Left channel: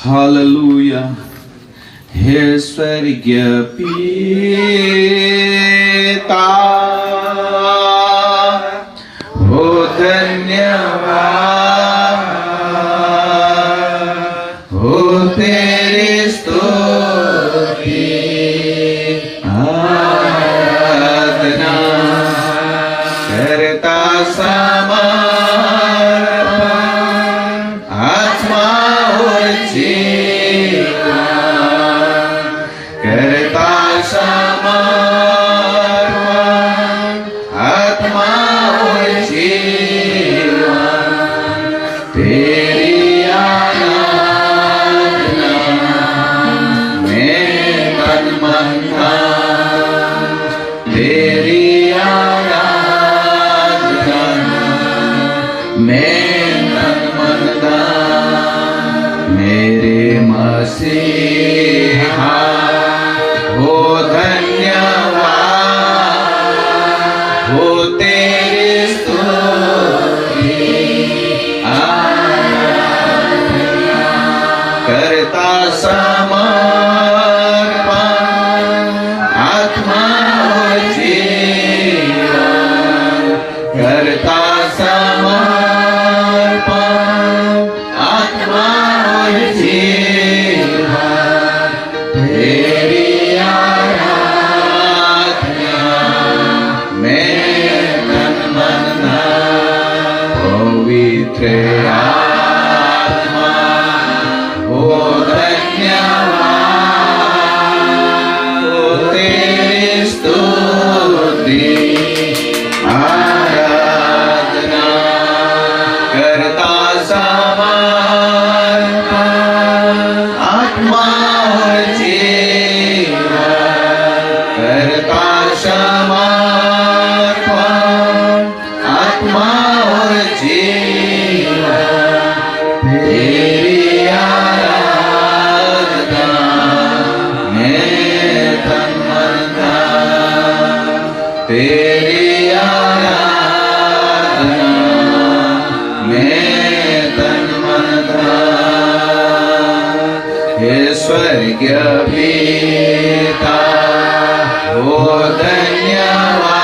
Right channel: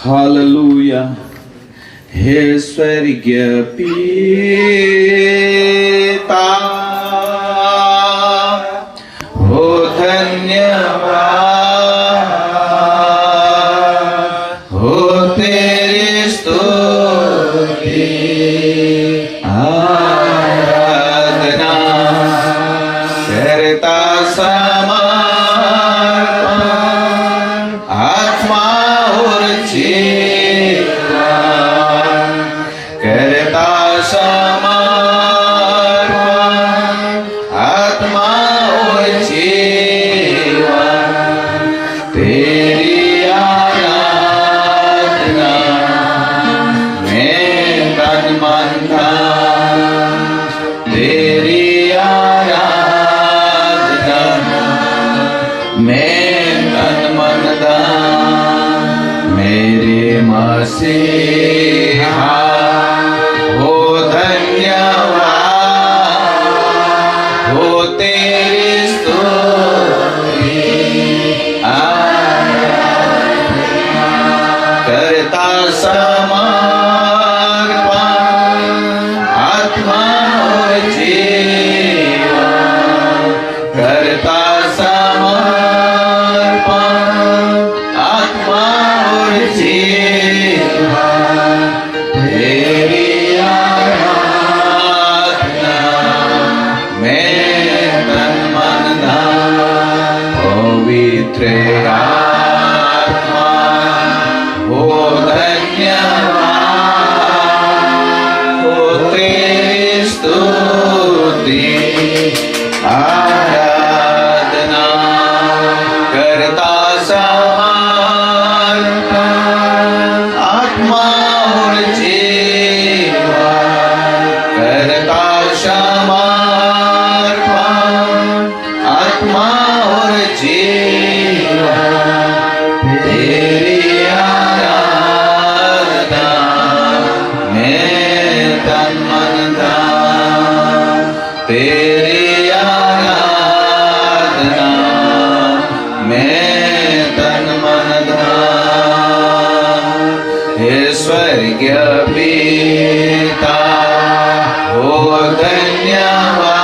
हालेलुया। हे स्वर्गीय पिता, हो धन्यवाद, हो तेरी स्तुति आराधना करता समर्पण आत्मा और जीवन करता समर्पण आत्मा और जीवन तेरी आराधना में तन मन धन तेरी आराधना में तन मन धन मेरे मसीहा हो धन्यवाद, हो तेरी स्तुति आराधना करता समर्पण आत्मा और जीवन करता समर्पण आत्मा और जीवन तेरी आराधना में तन मन धन पवित्र आत्मा हो धन्यवाद, हो तेरी स्तुति आराधना करता समर्पण आत्मा और जीवन करता समर्पण आत्मा और जीवन तेरी आराधना में तन मन धन तेरी आराधना में तन मन धन हे स्वर्गीय पिता हो धन्यवाद,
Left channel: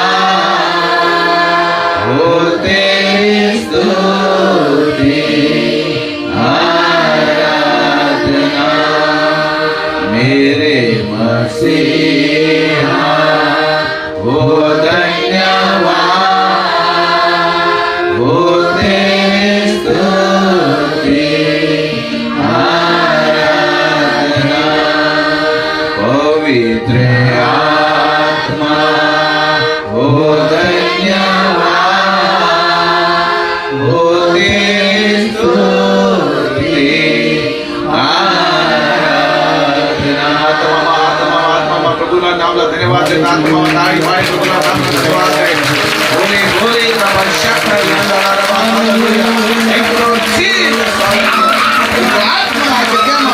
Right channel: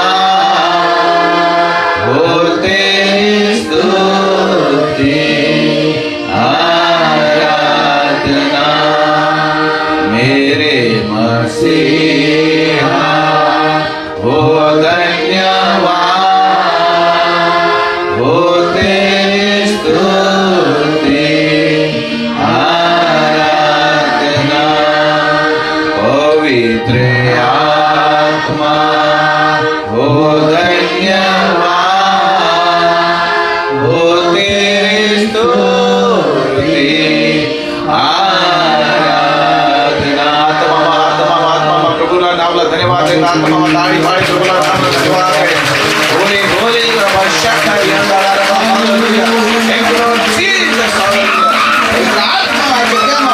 हो तेरी स्तुति आराधना मेरे मसीहा हो धन्यवाद, हो तेरी स्तुति आराधना पवित्र आत्मा हो धन्यवाद, हो तेरी स्तुति आराधना आत्मा प्रभुના નામના ધન્યવાદ છે આત્મા તાળી પાડી પ્રભુના નામનો ધન્યવાદ છે હોલી હોલી રબશકા યંદા રબા hallelujah thank you Lord Jesus આત્મા કે કેમ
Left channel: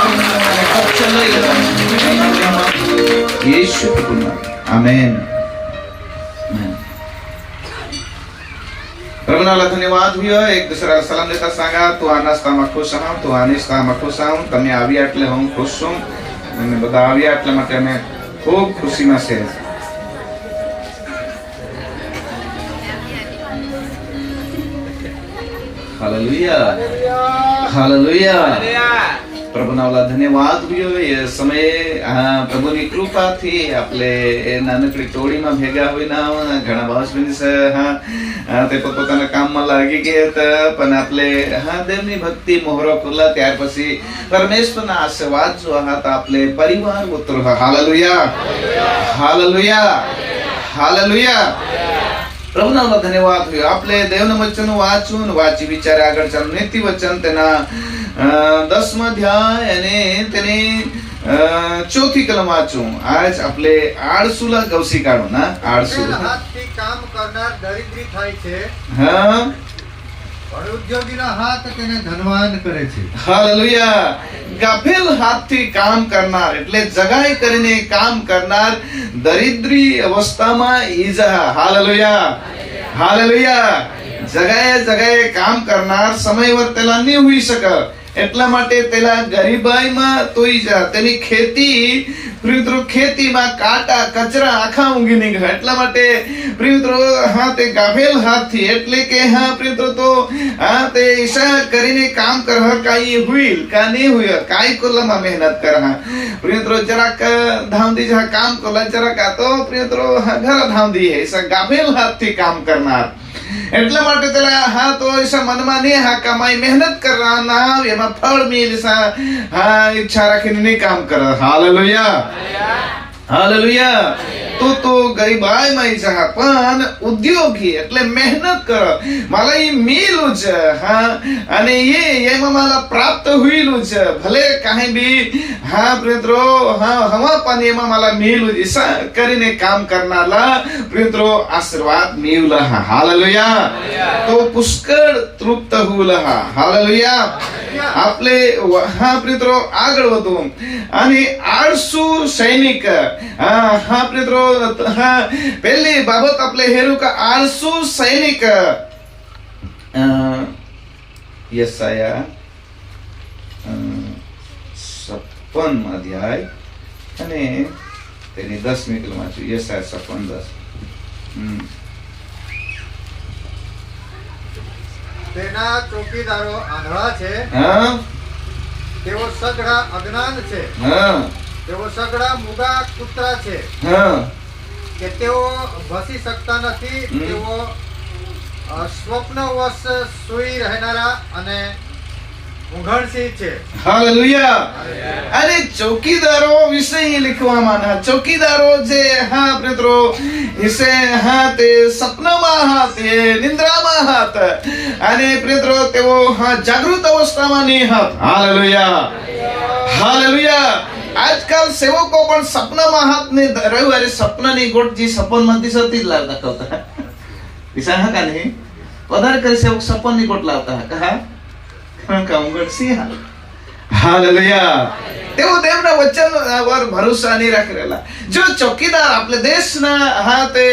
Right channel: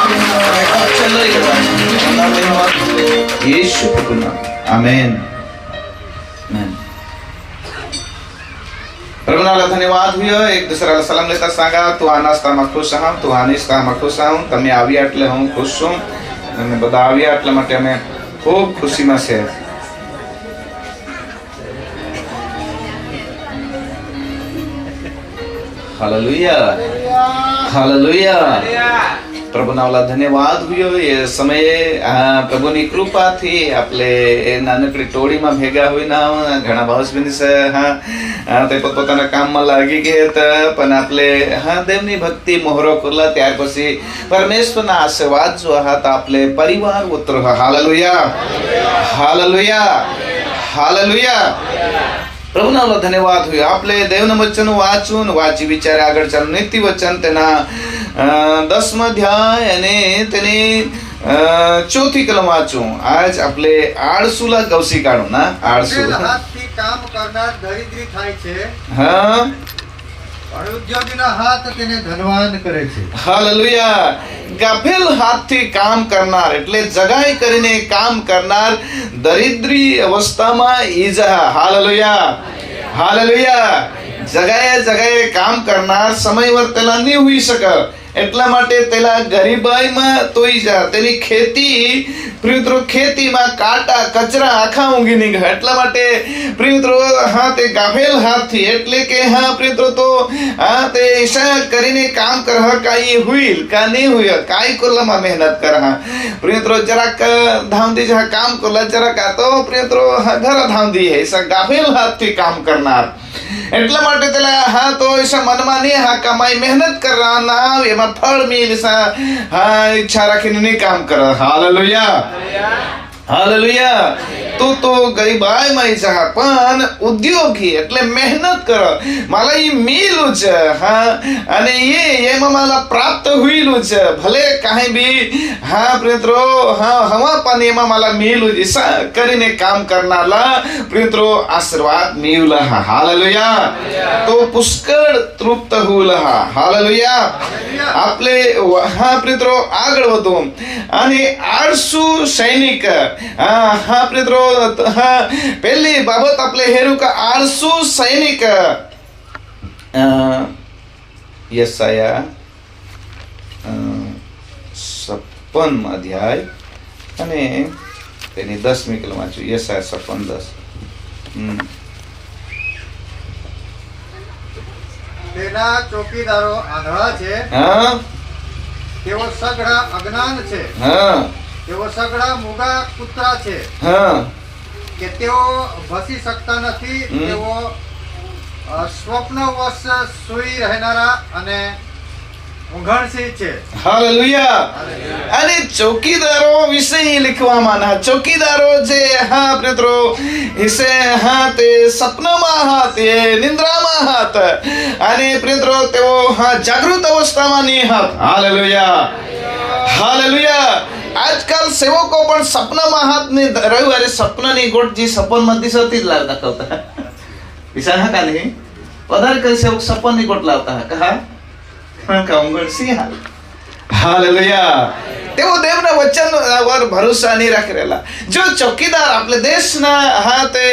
यीशु के नाम आमेन। प्रभुनाला धन्यवाद हुयो एक दूसराला सलाम लेता सांगा तू आ नाસ્તામાં ખુશ આમ તું આ નિસ્તામાં ખુશ આમ તમે આવ્યા એટલે હું ખુશ છું તમે બધા આવ્યા એટલે માટે અમે ખૂબ ખુશીમાં છે हालेलुया हालेलुया પ્રભુના ધન્યવાદ હુયો એ સમયે પ્રભુની કૃપાથી આપણે એ નાનકડી ટોળીમાં ભેગા હોઈના ઘણા ભાવસ્બિંદ છે તે પોતાના કામમાં લાગી ગયા હતા પણ આપણે દેવની ભક્તિ મોહરો કરલા ત્યાર પછી પરમેશ્વરના આશીર્વાદ જો હતા આપણે પરિવાર ઉતરો હાલેલુયા હાલેલુયા હાલેલુયા પ્રભુના ધન્યવાદ હોય આપણે દેવના વચન વાંચવું વાંચી વિચારે આગળ ચાલ નીતિ વચન તેના 10મા અધ્યાય અને તેની ચોથી કલમ વાંચું આજ આપણે આળસુલા ગવસી કાઢું ના આળસુ હાથથી કામ કરનાર દરિદ્રી થાય છે હા પણ ઉદ્યોગીના હાથ તેને ધનવાન કરે છે હાલેલુયા ગફેલ હાથથી કામ કરનાર એટલે જગાઈ કરીને કામ કરનાર દરિદ્રી અવસ્થામાં ઈજા હાલેલુયા હાલેલુયા જગાએ જગાએ કામ કરનાર સમય વર્તેલા નહીં હોઈ શકે એટલા માટે પેલા ગરીબાઈમાં તોઈ જા તેની ખેતી પ્રિયત્રો ખેતીમાં કાંટા કચરા આખા ઊંઘી નીકળ્યા એટલા માટે પ્રિયત્રો હા તે ગાફેલ હાથથી એટલે કે હા પ્રિયત્રો તો હા તે ઈશા કરીને કામ કર કાઈ હુઈલ કા નહીં હુઈ કાઈ કોલામાં મહેનત કર હા પ્રિયત્રો જરાક ધામથી જા કામ કોલા જરાક આ તો પ્રિયત્રો ઘર ધામથી ઈશા ગાફેલ હાથથી કામ કરનાર એટલા માટે પેલા હા તો ઈશા મનમાં નહીં હા કમાઈ મહેનત કરવાના એમાં ફળ મિલ હા ઈચ્છા રાખીને નહીં કામ કરે હાલેલુયા હાલેલુયા તો ગરીબાઈ માં ઈચ્છા પણ ઉદ્યોગી એટલે મહેનત કર માલા ઈ મિલું છે હા અને એમાં માલા પ્રાપ્ત હુઈલું છે ભલે કાંઈ બી હા પ્રિયત્રો હા હવા પાણી એમાં માલા મિલું ઈચ્છા કરીને કામ કરનારા પ્રિયત્રો આશીર્વાદ મિલું હાલેલુયા તો પુષ્કળ તૃપ્ત હુલા હાલેલુયા આપણે હા પ્રિયત્રો આગળ વધો અને 800 સૈનિક હા પ્રિયત્રો હા પહેલી બાબત આપણે હેરું કે 800 સૈનિક યશાયા 56 અધ્યાય અને તેની 10મી કલમ વાંચું યશાયા 56:10 તેના ચોકીદારો આંધળા છે હા તેઓ સગડા અજ્ઞાન છે હા તેઓ સગડા મૂગા કૂતરા છે હા કે તેઓ ભસી શકતા નથી તેઓ સ્વપ્નવશ સૂઈ રહેનારા અને ઊંઘણશીલ છે હાલેલુયા અને ચોકીદારો વિશે લખવામાં ચોકીદારો જે હા પ્રિયત્રો વિશે હા તે સપનામાં હા તે નિંદ્રામાં હાત અને પ્રિયત્રો તેઓ હા જાગૃત અવસ્થામાં નહીં હાત હાલેલુયા હાલેલુયા આજકાલ સેવકો પણ સપનામાં હાથ ને રવિવારે સપનાની ગોટ જે સપનમાંથી સતી જ લાવતા કરતા વિચાર હા નહીં વધારે કઈ સેવક સપનની ગોટ લાવતા કહા હાલેલુયા તેઓ દેવના વચન પર ભરોસા નહીં રાખેલા જો ચોકીદાર આપણે દેશના હા તે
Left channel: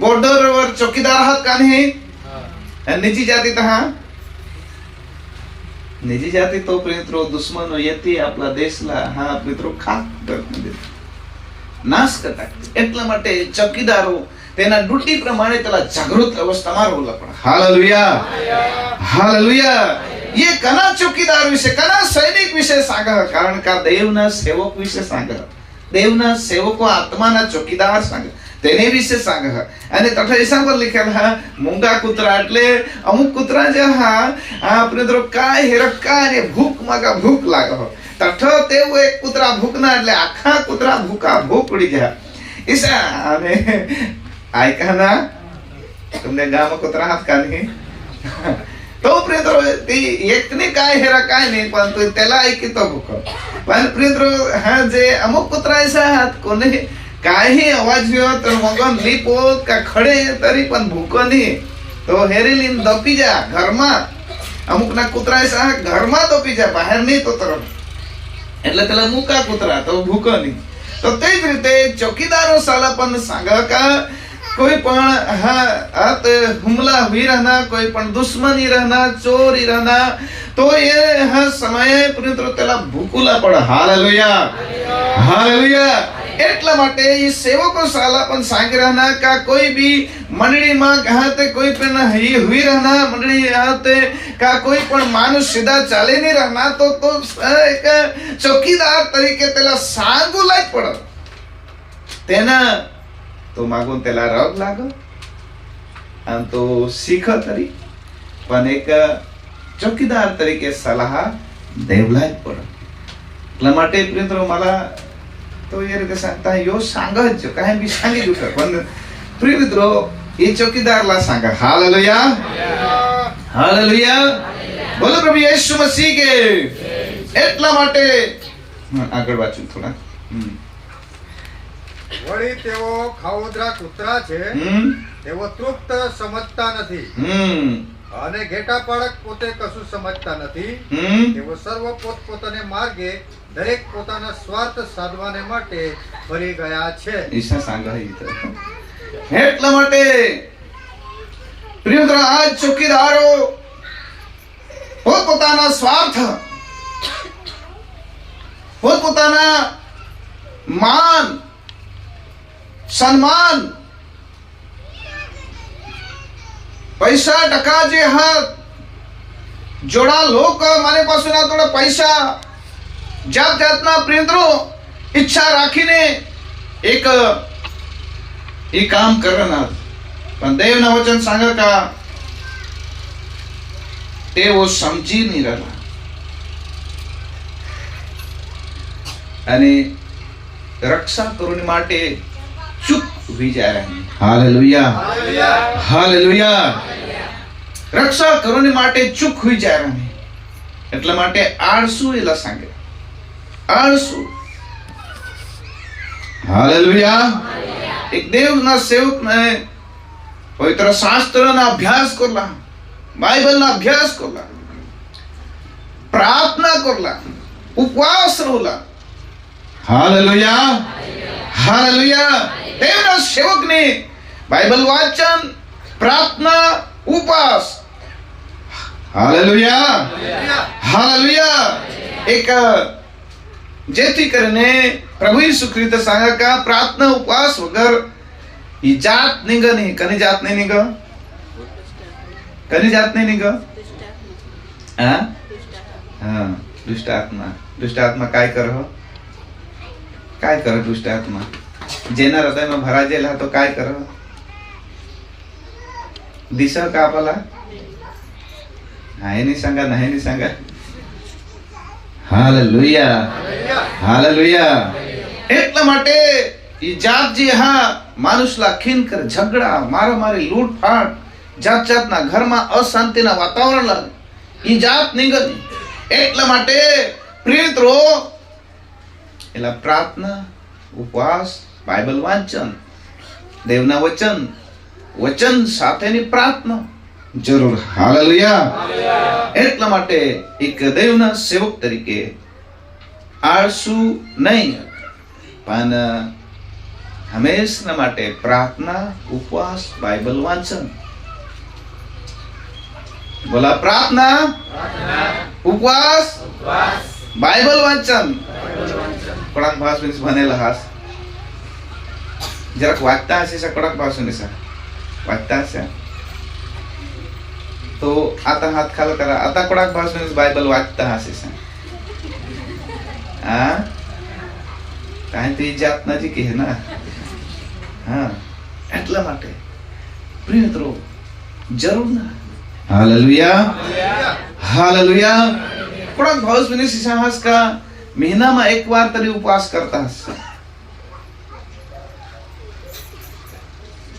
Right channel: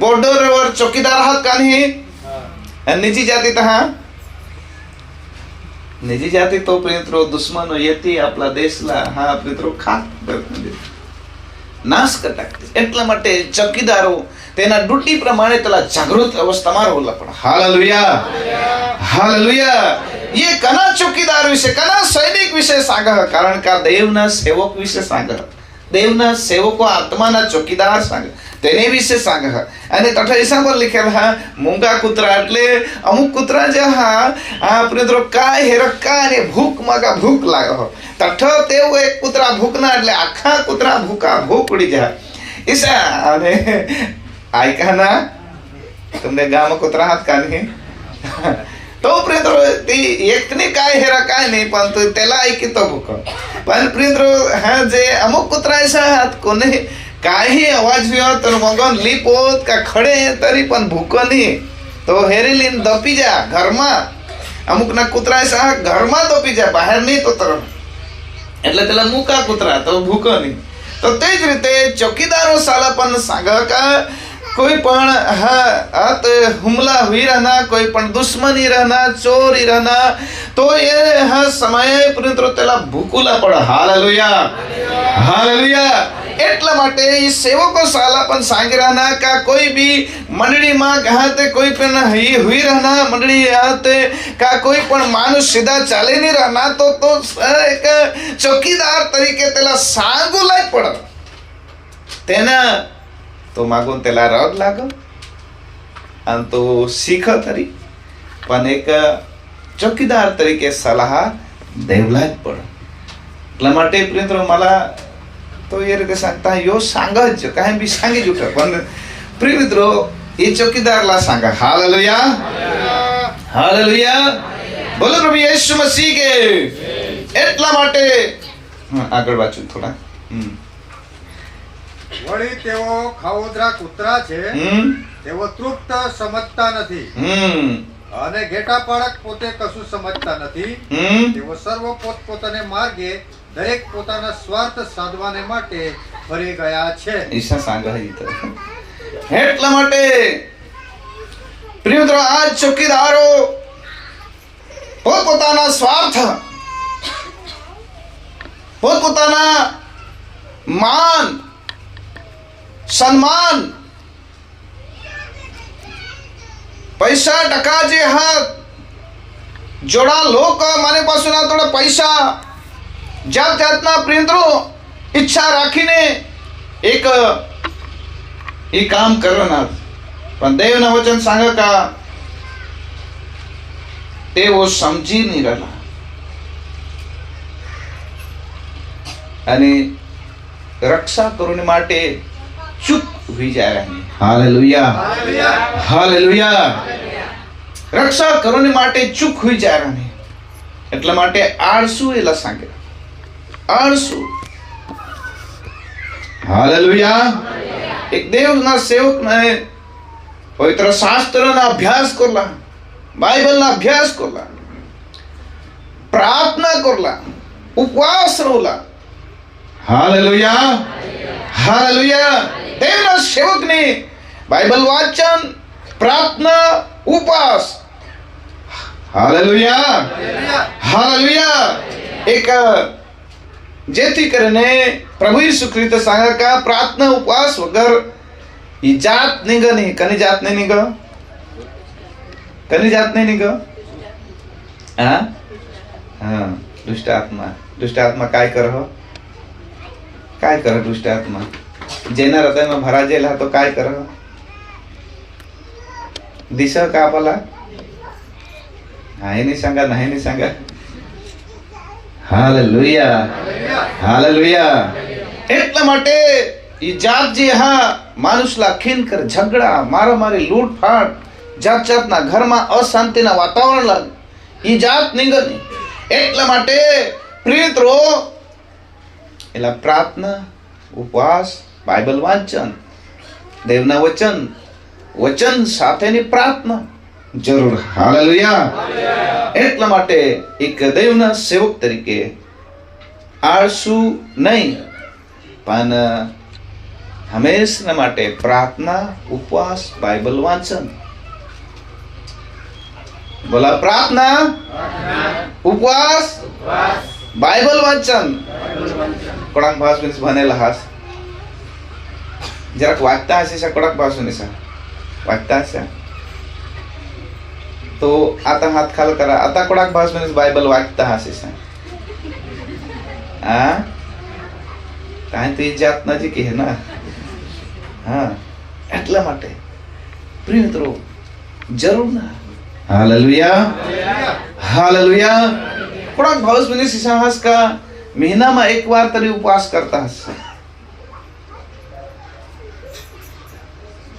બોર્ડર પર ચોકીદાર હાથ કાને નિજી જાતિ તહા નિજી જાતિ તો પ્રિયત્રો દુશ્મનો યતી આપણા દેશના હા પ્રિયત્રો ખાક નાશ કરતા એટલા માટે ચોકીદારો તેના ડ્યુટી પ્રમાણે તેલા જાગૃત અવસ્થામાં રહેલા પણ હાલેલુયા હાલેલુયા ये कना चौकीदार विषय कना सैनिक विषय सांगा कारण का देवना सेवक विषय सांगा देवना सेवको आत्माना चौकीदार सांगा તેને વિશે सांगा અને તઠા ઈસામાં લખેલ હા મૂંગા કૂતરા એટલે અમુક કૂતરા જે હા આપણે તો કાય હેરકા અને ભૂખ માગા ભૂખ લાગે તઠ તેવો એક કૂતરા ભૂખના એટલે આખા કૂતરા ભૂખા ભૂખ ઉડી જાય ઈસા અને આયકાના તમને ગામ કૂતરા હાથ કાને તો પ્રિયત્રો તે એકને કાય હેરા કાય નહીં પણ તો તેલા ऐकितो ભૂખ પણ પ્રિયત્રો હા જે અમુક કૂતરા છે હાથ કોને काही अवाज व्यो तर मगन લીપોત કા ખડે તરી પણ ભૂકો નહીં તો હેરેલીન દપી જા ઘરમાં અમુક ના કૂતરા છે ઘરમાં દપી જા બહાર નહીં તો તરફ એટલે પેલા મૂકા કૂતરા તો ભૂકો નહીં તો તે જ રીતે ચોકીદારો સાલા પણ સાગકા कोई पण हाथ हुमला हुई रहना कोई पण दुश्मनी रहना चोरी रहना तो ये हाँ समय पुनित्र तेला भूकुला पड़ा हालेलुया हालेलुया એટલા માટે એ સેવકો સાલા પણ सांग रहना का कोई भी मंडली में कहते कोई पण हुई रहना मंडली आते का कोई पण मानुष सीधा चाले नहीं रहना तो एक चौकीदार तरीके तेला सांगू लाग पड़ा तेना तो मागून त्याला राग लाग आणि तो शिख तरी पण एक चौकीदार तरीके सलाह देवला पड એટલા માટે પ્રિયત્રો मला तो ये રીતે सांगता यो सांगच काय बी सांगी जुट पण प्रियમિત્રો એ ચોકીદારला सांगा हालेलुया हालेलुया બોલો પ્રભુ યેસુ મસીહ કે એટલા માટે આગળ વાંચું થોડા વળી તેઓ ખાવોદરા કૂતરા છે તેઓ તૃપ્ત સમજતા નથી અને ઘેટા પાડક પોતે કશું સમજતા નથી તેઓ સર્વ પોતપોતાને માર્ગે દરેક પોતાના સ્વાર્થ સાધવાને માટે ભરી ગયા છે ઈસા सांगा એટલા માટે પ્રિયમિત્રો આ ચોકીદારો પોતપોતાના સ્વાર્થ પોતપોતાના માન સન્માન पैसा टका जे हात जोड़ा लोक मारे पासून थोड़ा पैसा ज्या त्यातना प्रियंत्रो ઈચ્છા રાખીને એક એ કામ કરવાના પણ દેવના વચન सांगा का તેઓ સમજી નહીં રહ્યા અને રક્ષા કરવાની માટે ચૂપ હોઈ જાય હાલેલુયા હાલેલુયા રક્ષા કરવાની માટે ચૂપ હોઈ જાય એટલા માટે આળસુ એલા सांगे આળસુ હાલેલુયા એક દેવના સેવકને પવિત્ર શાસ્ત્રના અભ્યાસ કરલા બાઇબલના અભ્યાસ કરલા પ્રાર્થના કરલા ઉપવાસ રોલા હાલેલુયા હાલેલુયા દેવના સેવકને બાઇબલ વાંચન પ્રાર્થના ઉપવાસ હાલેલુયા હાલેલુયા એક જેથી કરીને પ્રભુ ઈસુ ખ્રિસ્ત सांगा का प्रार्थना उपवास वगर ही जात निघ नाही कनी जात नाही निघ कनी जात नाही निघ हा हा दुष्ट आत्मा काय कर दुष्ट आत्मा जेना हृदयમાં ભરાજેલા તો काय कर दिशा का आपला नाही सांगा हालेलुया हालेलुया એટલા માટે ઈ જાત જે હા માણસલા ખીનકર ઝઘડા મારામારી લૂંટફાટ જાતના ઘરમાં અશાંતિના વાતાવરણ લાગે ઈ જાત નિગની એટલા માટે પ્રિયત્રો એલા પ્રાર્થના ઉપવાસ બાઇબલ વાંચન દેવના વચન સાથેની પ્રાર્થના જરૂર હાલેલુયા એટલા માટે એક દેવના સેવક તરીકે આળસુ નહીં પણ હંમેશા માટે પ્રાર્થના ઉપવાસ બાઇબલ વાંચન બોલા પ્રાર્થના ઉપવાસ બાઇબલ વાંચન કડક ભાષામાં ભણેલા હાસ જરાક વાંચતા હશે કડક ભાષામાં वाचता तो आता हात खाल करा आता कोणाक भाषण बायबल वाचता हसे हाँ काय ते जात नजीक है ना हाँ એટલા માટે પ્રિય મિત્રો જરૂર ના हालेलुया हालेलुया कोणाक भाषण साहस का महीना में एक बार तरी उपवास करता हसे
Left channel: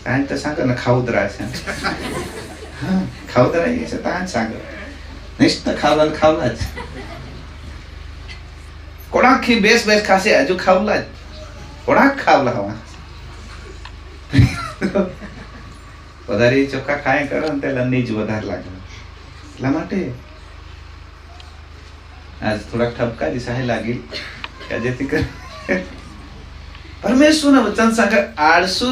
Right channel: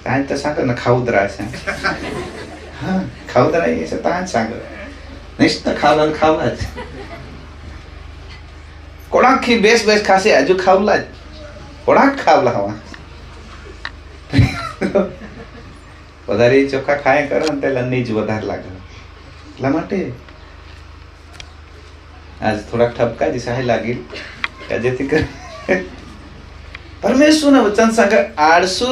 काय तर सांगा ना खाऊदरा असे हा खाऊदरा यायचं ताण सांग नुसतं खावलाच कोणाक बेस खासे हजू खावलाच कोणाक खावला हवा વધારે ચોખ્ખા ખાયા કરો ને પેલા નીજ વધારે લાગે એટલા માટે આજ થોડાક ઠપકા જ સહાય લાગી જેથી કરી परमेश्वर वचन सांगा आळसू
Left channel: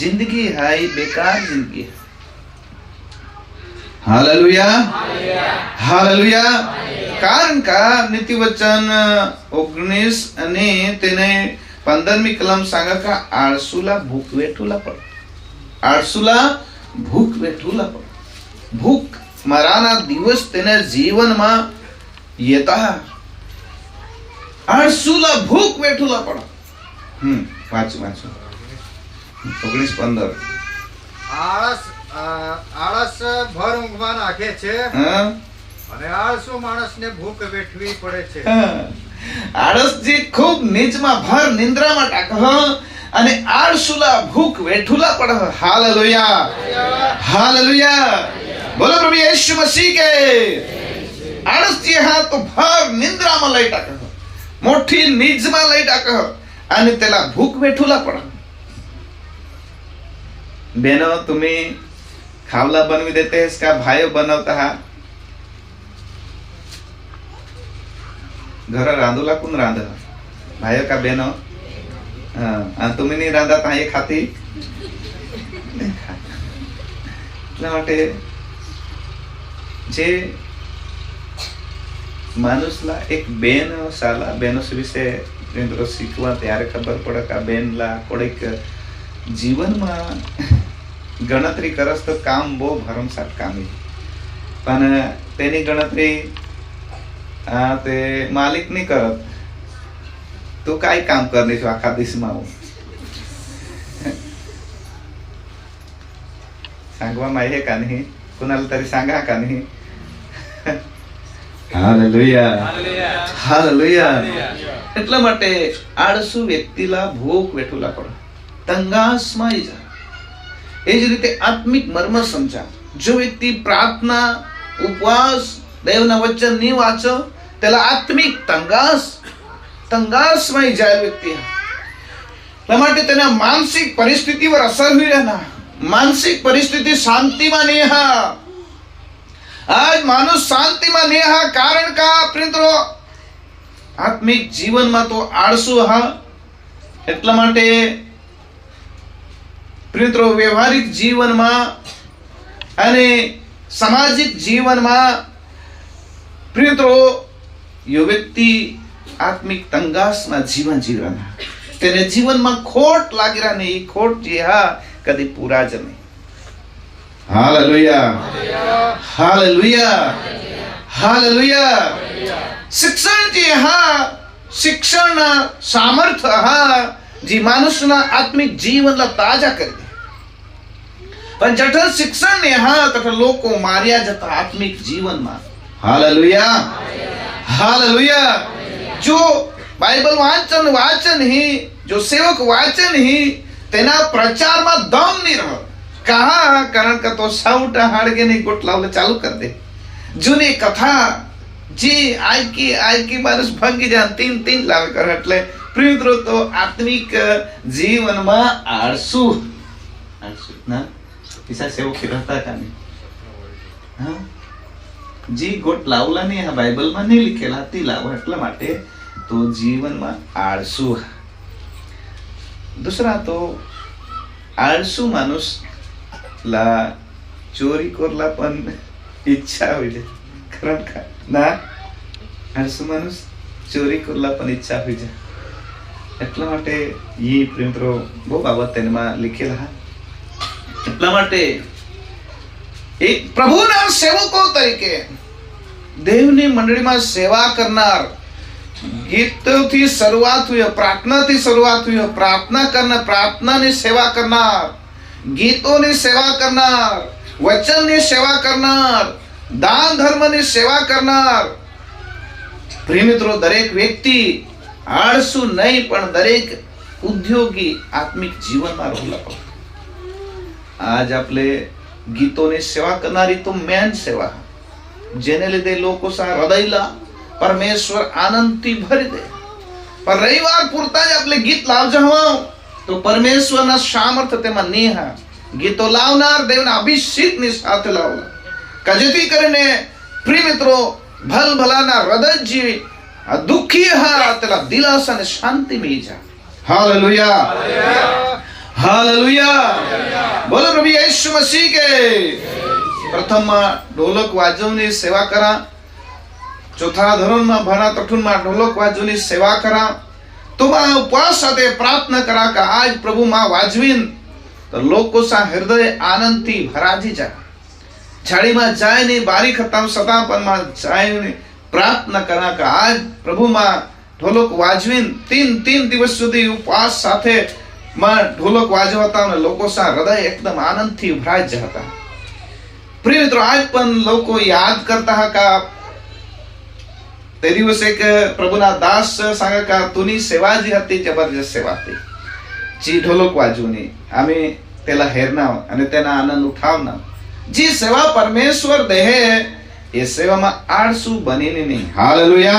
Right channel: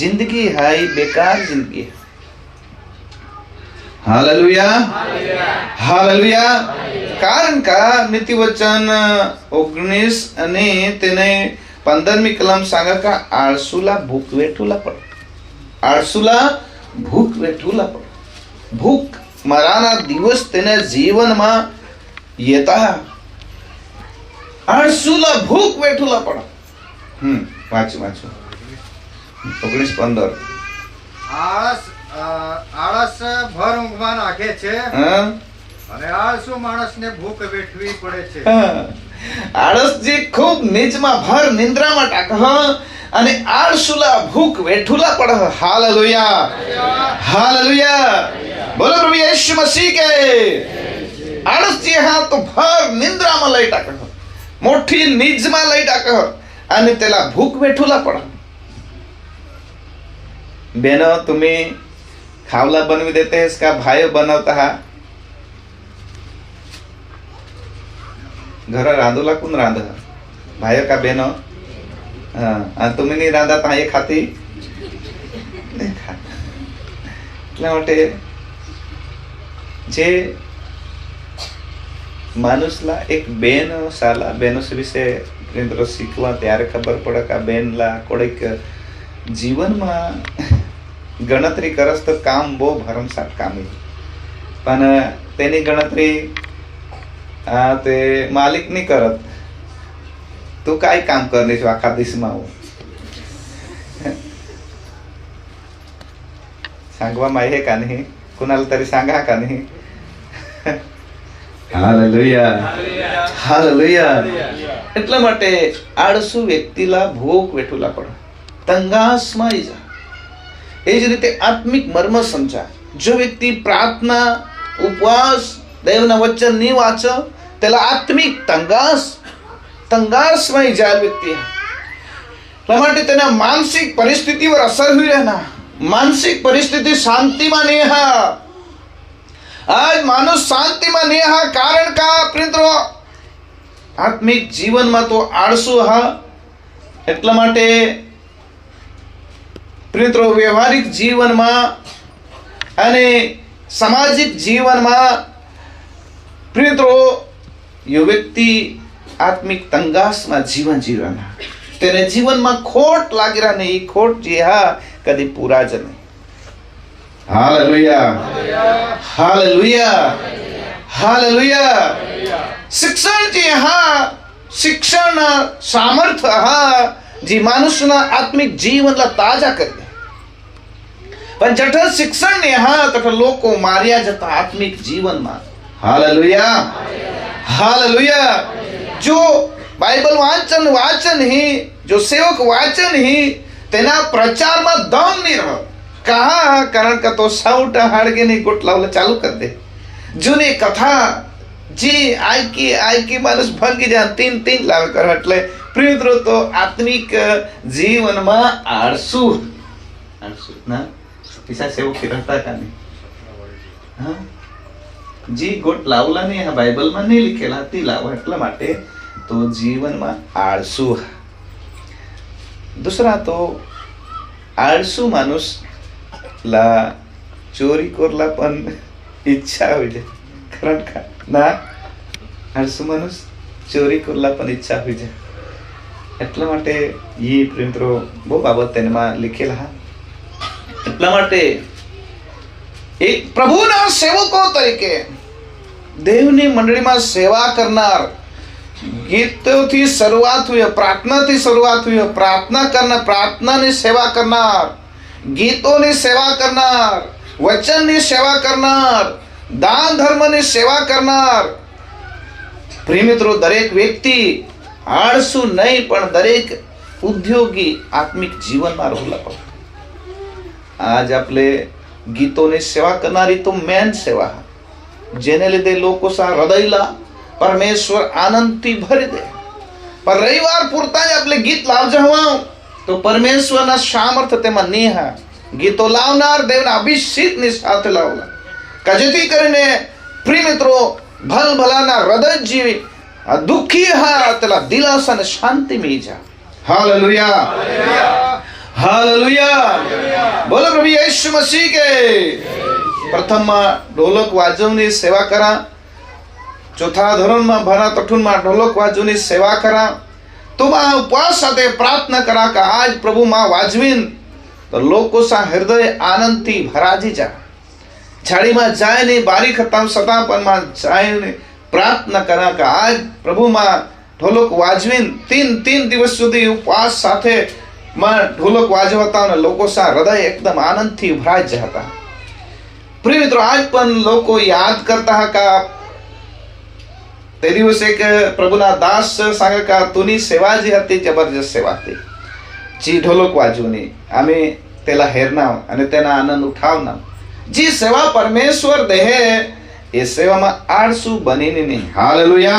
जिंदगी हाय बेकार जिंदगी हालेलुया हालेलुया कारण का नीति वचन 19 અને તેને 15મી કલમ सांगा का आळसूला भूक वेठूला पड आळसूला भूक वेठूला पड भूक मराना दिवस तेने जीवनमा येता आळसूला भूक वेठूला पड વાંચો 19:15 આળસ ભર ઊંઘમાં નાખે છે અને આળસુ માણસને ભૂખ વેઠવી પડે છે આળસ જે ખૂબ નીચમાં ભર નિંદ્રામાં ટાક અને આળસુલા ભૂખ વેઠુલા પડ હાલેલુયા હાલેલુયા બોલો પ્રભુ યીशु मसीह के આળસ જે હા તો ભર નિંદ્રામાં લઈ ટાક મોટી નીચમાં લઈ ટાક आणि त्याला भूक वेठूला पडा बेनो तुम्ही खावला बनवी देतेस का भाय बनवता हा घर रांधूला कोण रांध भाय का बेनो आणि तुम्ही नाही रांधत हा हे खाती तुला वाटते जे માણસલા એક બેન સાલા બેનો વિશે મિત્રો શીખવા ત્યારે ખબર પડે કે આ બેનલા કોઈક જીવનમાં ગણતરી કરસ તો કામ બહુ ભરમસાટ કામ પણ તેની ગણતરી તે માલિક નહીં કરત તું કાંઈ કામ કરી દઈશું આખા દેશમાં હું सांगवा आहे का नाही कुणाला तरी सांगा का नाही हालेलुया हालेलुया એટલા માટે આળસુ વ્યક્તિલા ભોગ વેઠુલા પડે તંગાસમાં આવી જાય એ જ રીતે આત્મિક મર્મ સમજા જો વ્યક્તિ પ્રાર્થના ઉપવાસ દેવના વચન ની વાંચો તેલા આત્મિક તંગાસમાં જાય વ્યક્તિ એટલા માટે તેના માનસિક પરિસ્થિતિ પર અસર हुई રહેના मानसिक परिस्थिति शांति में नहीं है आज मानुष शांति में नहीं है कारण का प्रिंतरो आत्मिक जीवन में तो आळसु है એટલા માટે પ્રિંતરો વ્યવહારિક જીવનમાં અને સામાજિક જીવનમાં પ્રિંતરો यो व्यक्ति आत्मिक तंगासમાં જીવન જીવવાના તેને જીવનમાં ખોટ લાગી રહે એ ખોટ જે હા कभी पूरा जमे हालेलुया हालेलुया हालेलुया शिक्षण जी हा शिक्षण सामर्थ्य हा जी माणूसना आत्मिक जीवनला ताजा करते पण जठर शिक्षण ने हा तठर लोको मार्या जता आत्मिक जीवन में हालेलुया हालेलुया जो बाइबल वाचन ही जो सेवक वाचन ही तेना प्रचार में दम नहीं रहो कहा कारण का तो साउटा हाड़गे नहीं गोट लावला चालू कर दे जूनी कथा जी आई की मानस भागी जान तीन लाव कर એટલે પ્રિયત્રો તો આત્મિક જીવનમાં આળસુ ના પૈસા સેવ કરતા કાને હા जी गोट लावला नहीं है बाइबल में नहीं लिखेला ती लाव એટલા માટે तो जीवનમાં આળસુ दूसरा तो आळसू माणूस ला चोरी करला पण इच्छा होईल कारण का ना आळसू माणूस चोरी करला पण इच्छा होईल એટલા માટે ये प्रियमित्रो બહુ બાબત તેમાં લખેલા એટલા માટે એક પ્રભુના સેવકો તરીકે દેવની મંડળીમાં સેવા કરનાર गीतों शुरुआत हुई प्रार्थना थी शुरुआत हुई प्रार्थना करना प्रार्थना ने सेवा करनार गीतों ने सेवा करनार वचन ने सेवा करनार दान धर्म ने सेवा करनार प्रिय मित्रों दरेक व्यक्ति आळसू नहीं पण दरेक उद्योगी आत्मिक जीवन में रहला पड़े आज आपले गीतों ने सेवा करनारी तो मेन सेवा जेने લીધે લોકો સા હૃદયલા परमेश्वर आनंदથી भरी दे पर रविवार पूरता आपले गीत लाव जवा तो परमेश्वरना सामर्थ्य तेमा नेहा गीतो लावनार देवना अभिषेक ની સાથે લાવલા કજેથી કરીને પ્રિય મિત્રો ભલભલાના હૃદય જીવી આ દુખી હા તેલા દિલાસા અને શાંતિ મળી જાય हालेलुया हालेलुया बोलो प्रभु यीशु मसीह के प्रथम ढोलक वाजवनी सेवा करा चौथा धोरण में भरा तठून में ढोलक वाजवनी सेवा करा तो उपवास साथे प्रार्थना करा का आज प्रभु मां वाजवीन तो लोको सा हृदय आनंद थी भराजी जा झाड़ी में जाए नहीं बारी खत्म सतापन में जाए नहीं प्रार्थना करा का आज प्रभु मां ढोलक वाजवीन तीन दिवस सुधी उपवास साथे में ढोलक वाजवता ने लोको सा हृदय एकदम आनंद थी भराज जाता प्रिय मित्रों आज पण लोको याद करता है का ते दिवस एक प्रभुना दास सांगा का तुनी सेवा जी हती जबरदस्त सेवा थी जी ढोलक वाजवनी आम्ही त्याला हेरना आणि त्याना आनंद उठावना जी सेवा परमेश्वर देहे ये सेवा में आळसू बनीने नहीं हालेलुया